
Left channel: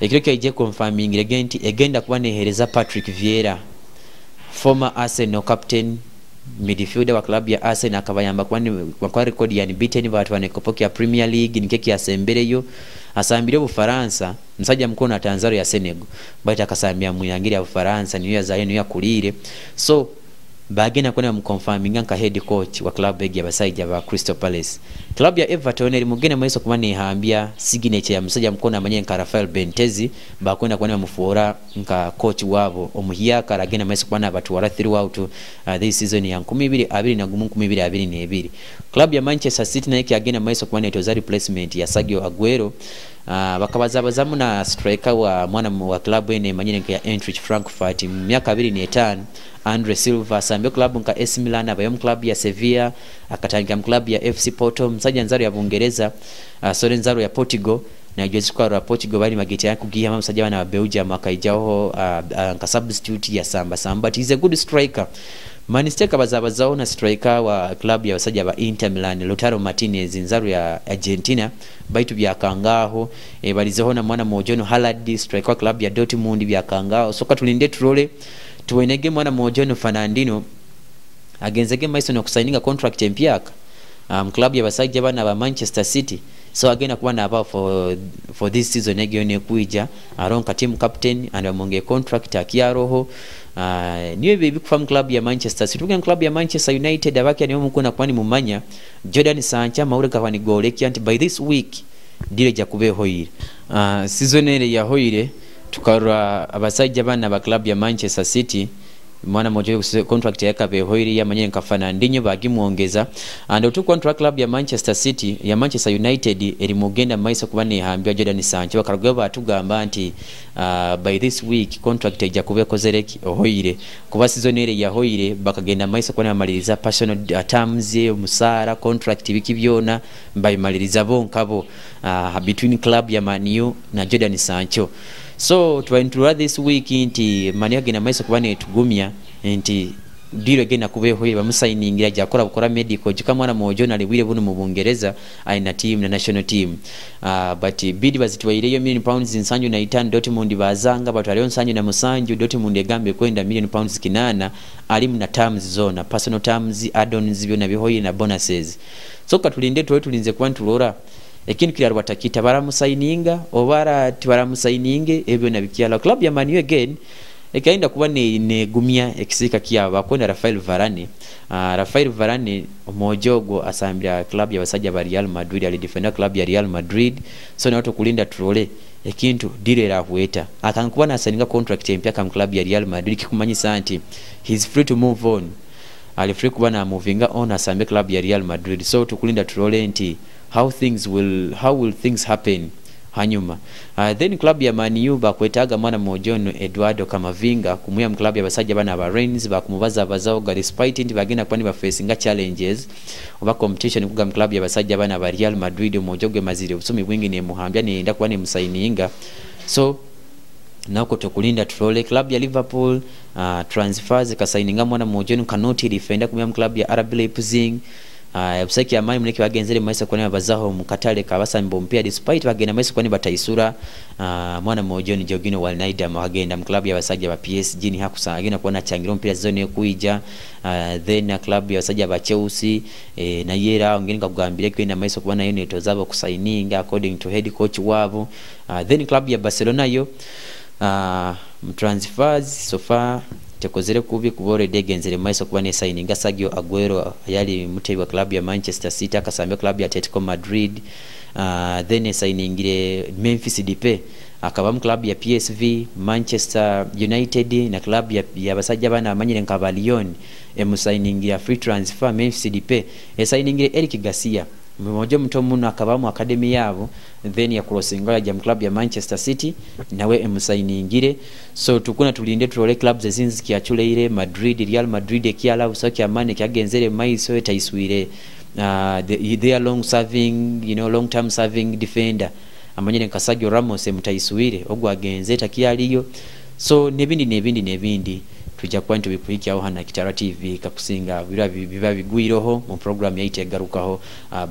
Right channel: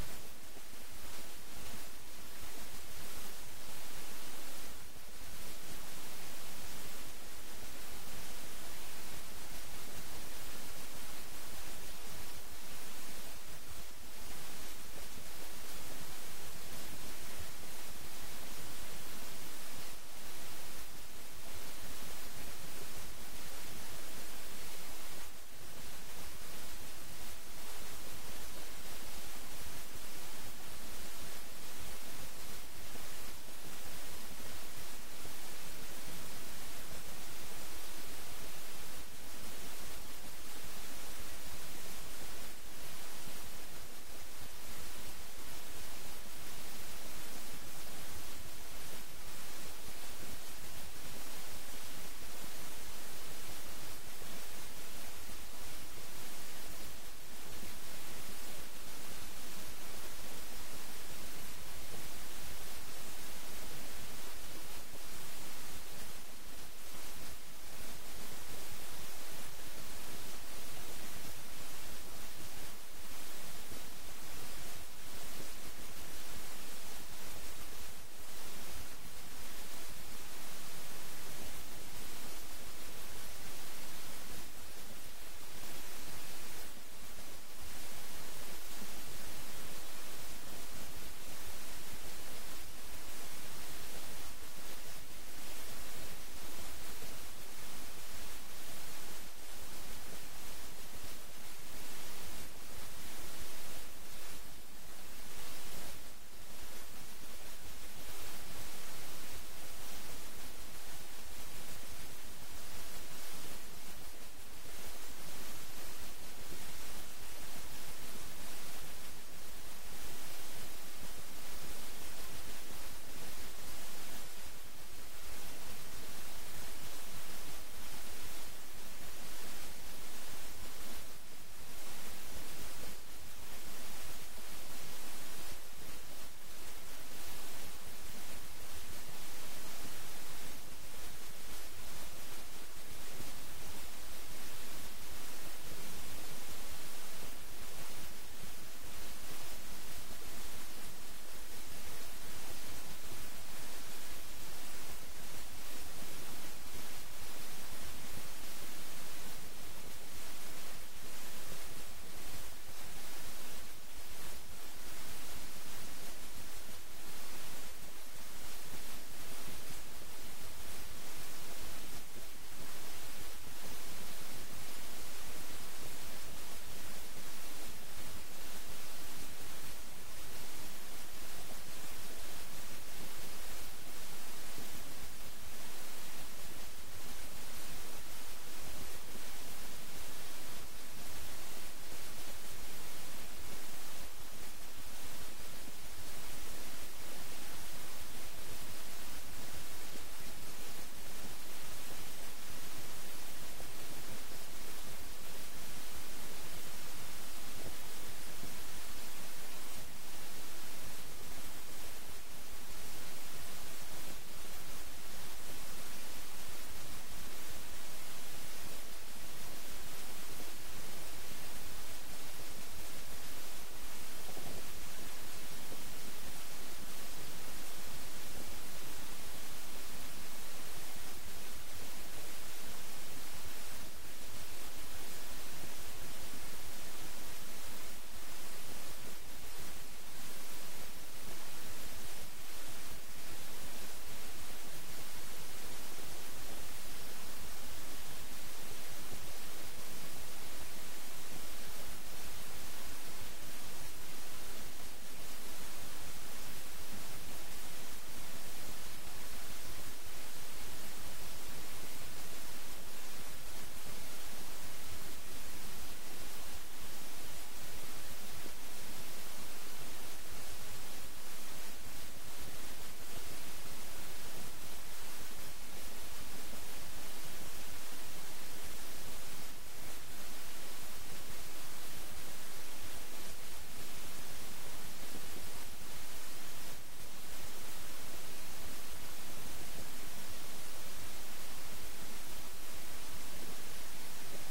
ekireke ije confirming egenda kuba nehereza Patrick Vieira former Arsenal captain midfielder wa club ya Arsenal akabayamba kwa record ya unbeaten batu wanekopokea Premier League nikeki asembereyo asambire Bufaransa msajja mkono Tanzania ya Senegal baita akasambia muyangira ya Bufaransa niyo zayo niyo kulire so bagena kuna mconfirming nka head coach wa club ya basajja ba Crystal Palace club ya Everton eri mugene maiso kuba nehambia signature ya msajja mkono amanye nka Rafael Bentezi bakwenda kwa mufuora nka coach wabo omuhiya karagena maiso kuba nabatu wara throughout this season ya 2022 club ya Manchester City na yake agena maiso kuba netoza replacement ya Sergio Aguero bakabazabazamu na striker wa mwana wa club ene manyine nka ya Eintracht Frankfurt miaka 25 Andre Silva sambe club nka AC Milan abayom club ya Sevilla akatangira club ya FC Porto msajja nzaro ya Bungereza Sorenzaro ya Portugal na Jessica ya Portugal bali mageti yako kugia msajja na Belgium akaijao nka substitute ya Samba but he's a good striker Manchester kabazabazao na striker wa club ya wasajja ba Inter Milan Lautaro Martinez nzaro ya Argentina baitu bya kangaho balizeho na mwana mojono Haaland striker club ya Dortmund bya kangaho soka tulinde trole tuwenege mwana mojono Fernandinho agenzege Mason okusigninga contract empyaka club ya basajja bana ba Manchester City so again kuba na about for this season egene kuija aronka team captain and amonge contract akiaroho niwe bibi kufam club ya Manchester City tugen club ya Manchester United abaki ani omukuna kwani mumanya Jordan Sancho maureka kwani goleki anti by this week dire ja kubeho yire season ile ya hoire tukarwa abasajja bana ba club ya Manchester City mwana mojo contract yake behoiri ya manyene nkafana ndinyo bagimuongeza and otu contract club ya Manchester City ya Manchester United eri mugenda maiso kubane hambya Jordan Sancho bakarugwa batugamba nti by this week contract ejja kubekozereki ohoire kuba season ere ya hoire bakagenda maiso kubane amaliriza personal terms musara contract biki byona mbayimaliriza bonkabo between club ya Man U na Jordan Sancho. So twaintura this week nti mani agena maiso kubane tugumya nti diro gena kubeho bamusayiningira jakora bukora medical jikamwana mojo na libwire bunu mu Bungereza aina team na national team but bid bazitwaire yo £1,000,000 Nsanju na Itan Dortmund bazanga batwaliyo Nsanju na Musanju Dortmund egambe kwenda £1,000,000 kinana alimu na terms zona personal terms add-ons byona bihoyi na bonuses. So katulinde tulinze kwantulora ekintu kiri batakita baramusayininga obara tibaramusayininge ebyo nabikyala club ya Man U again ekainda kuba ne gumya ekisika kyabo akona Rafael Varane omojogo asambya club ya basajja ba Real Madrid ali defender club ya Real Madrid so nato kulinda trole ekintu direra hueta akankuba nasaninga contract empya kam club ya Real Madrid kikumanyisa anti he's free to move on ali free kuba na movinga on asambya club ya Real Madrid so tukulinda trole nti how will things happen hanyuma then club ya Man U bakwetaga mwana mojono Eduardo Camavinga kumuya mu club ya basajja bana ba Rennes bakumubaza bazao ga despite ndi bagenda kwani ba facing challenges oba competition kuga mu club ya basajja bana ba Real Madrid mojoge mazire busumi bwingi ne muhambya ne enda kwani musayininga so nako tokulinda trole club ya Liverpool transfers kasayininga mwana mojono kanoti defender kumuya mu club ya RB Leipzig Busaki amani muleke bagenzere maisa kone bazaho mukatale kabasambo mpia despite bagenda maisa kone bataisura mwana mojoni Jorginho Wijnaldum bagenda mu club ya basajja ba PSG ni hakusagina kuona changiro mpira zone kuija then club ya basajja ba Chelsea na yera ngeni kugambire kwenda maisa kubana yo neto zabo kusayininga according to head coach wabo then club ya Barcelona yo transfers so far tekozere kubi kubore degenzere maiso kuba ne signing Sergio Aguero yali mutebi club ya Manchester City akasambia club ya Atletico Madrid then signingire Memphis Depay akaba mu club ya PSV Manchester United na club ya basajja bana amanyire nkabalion emusigningira free transfer Memphis Depay signingire Eric Garcia mmoja mtomuno akaba mu academy yabo then ya crossinga ya club ya Manchester City nawe emusainingire so tukuna tulinde trole clubs ezinzi kiachuleire Madrid Real Madrid ekiala usaki amane kyagenzere maiso etaiswire they are long term serving defender amanyene Sergio Ramos emutaiswire ogwagenze takialiyo so nebindi tujja kwantu bikulikya hana Kitara TV kakusinga biba bigwiroho mu program yaite garukaho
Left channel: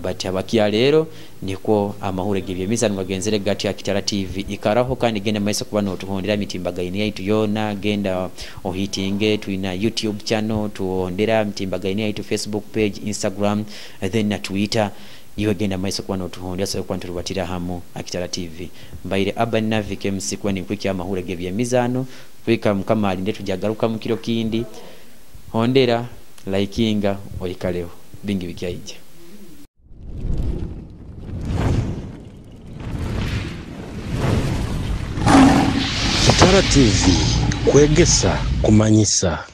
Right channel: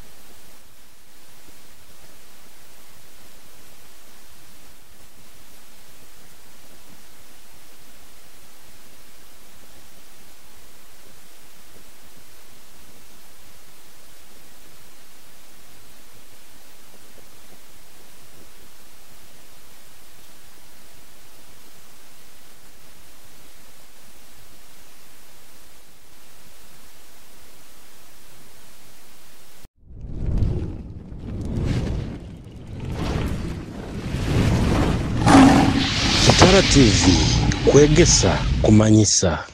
but abakia lero niko amahure gibye mizanu bagenzere gati ya Kitara TV ikaraho kandi genda maisa kubana otuhondera mitimbagaini yaitu yona genda ohitinge tuina YouTube channel tuondera mitimbagaini yaitu Facebook page Instagram then na Twitter iwe genda maisa kubana otuhondera so kwantu rubatira hamo Kitara TV mbaire Urban Navike msikwa ni kwiki amahure gibye mizano kwika mkamali ndetu jagaruka mukiro kindi hondera likinga oikaleho bingi bikyaije Kitara TV kwegesa kumanyisa.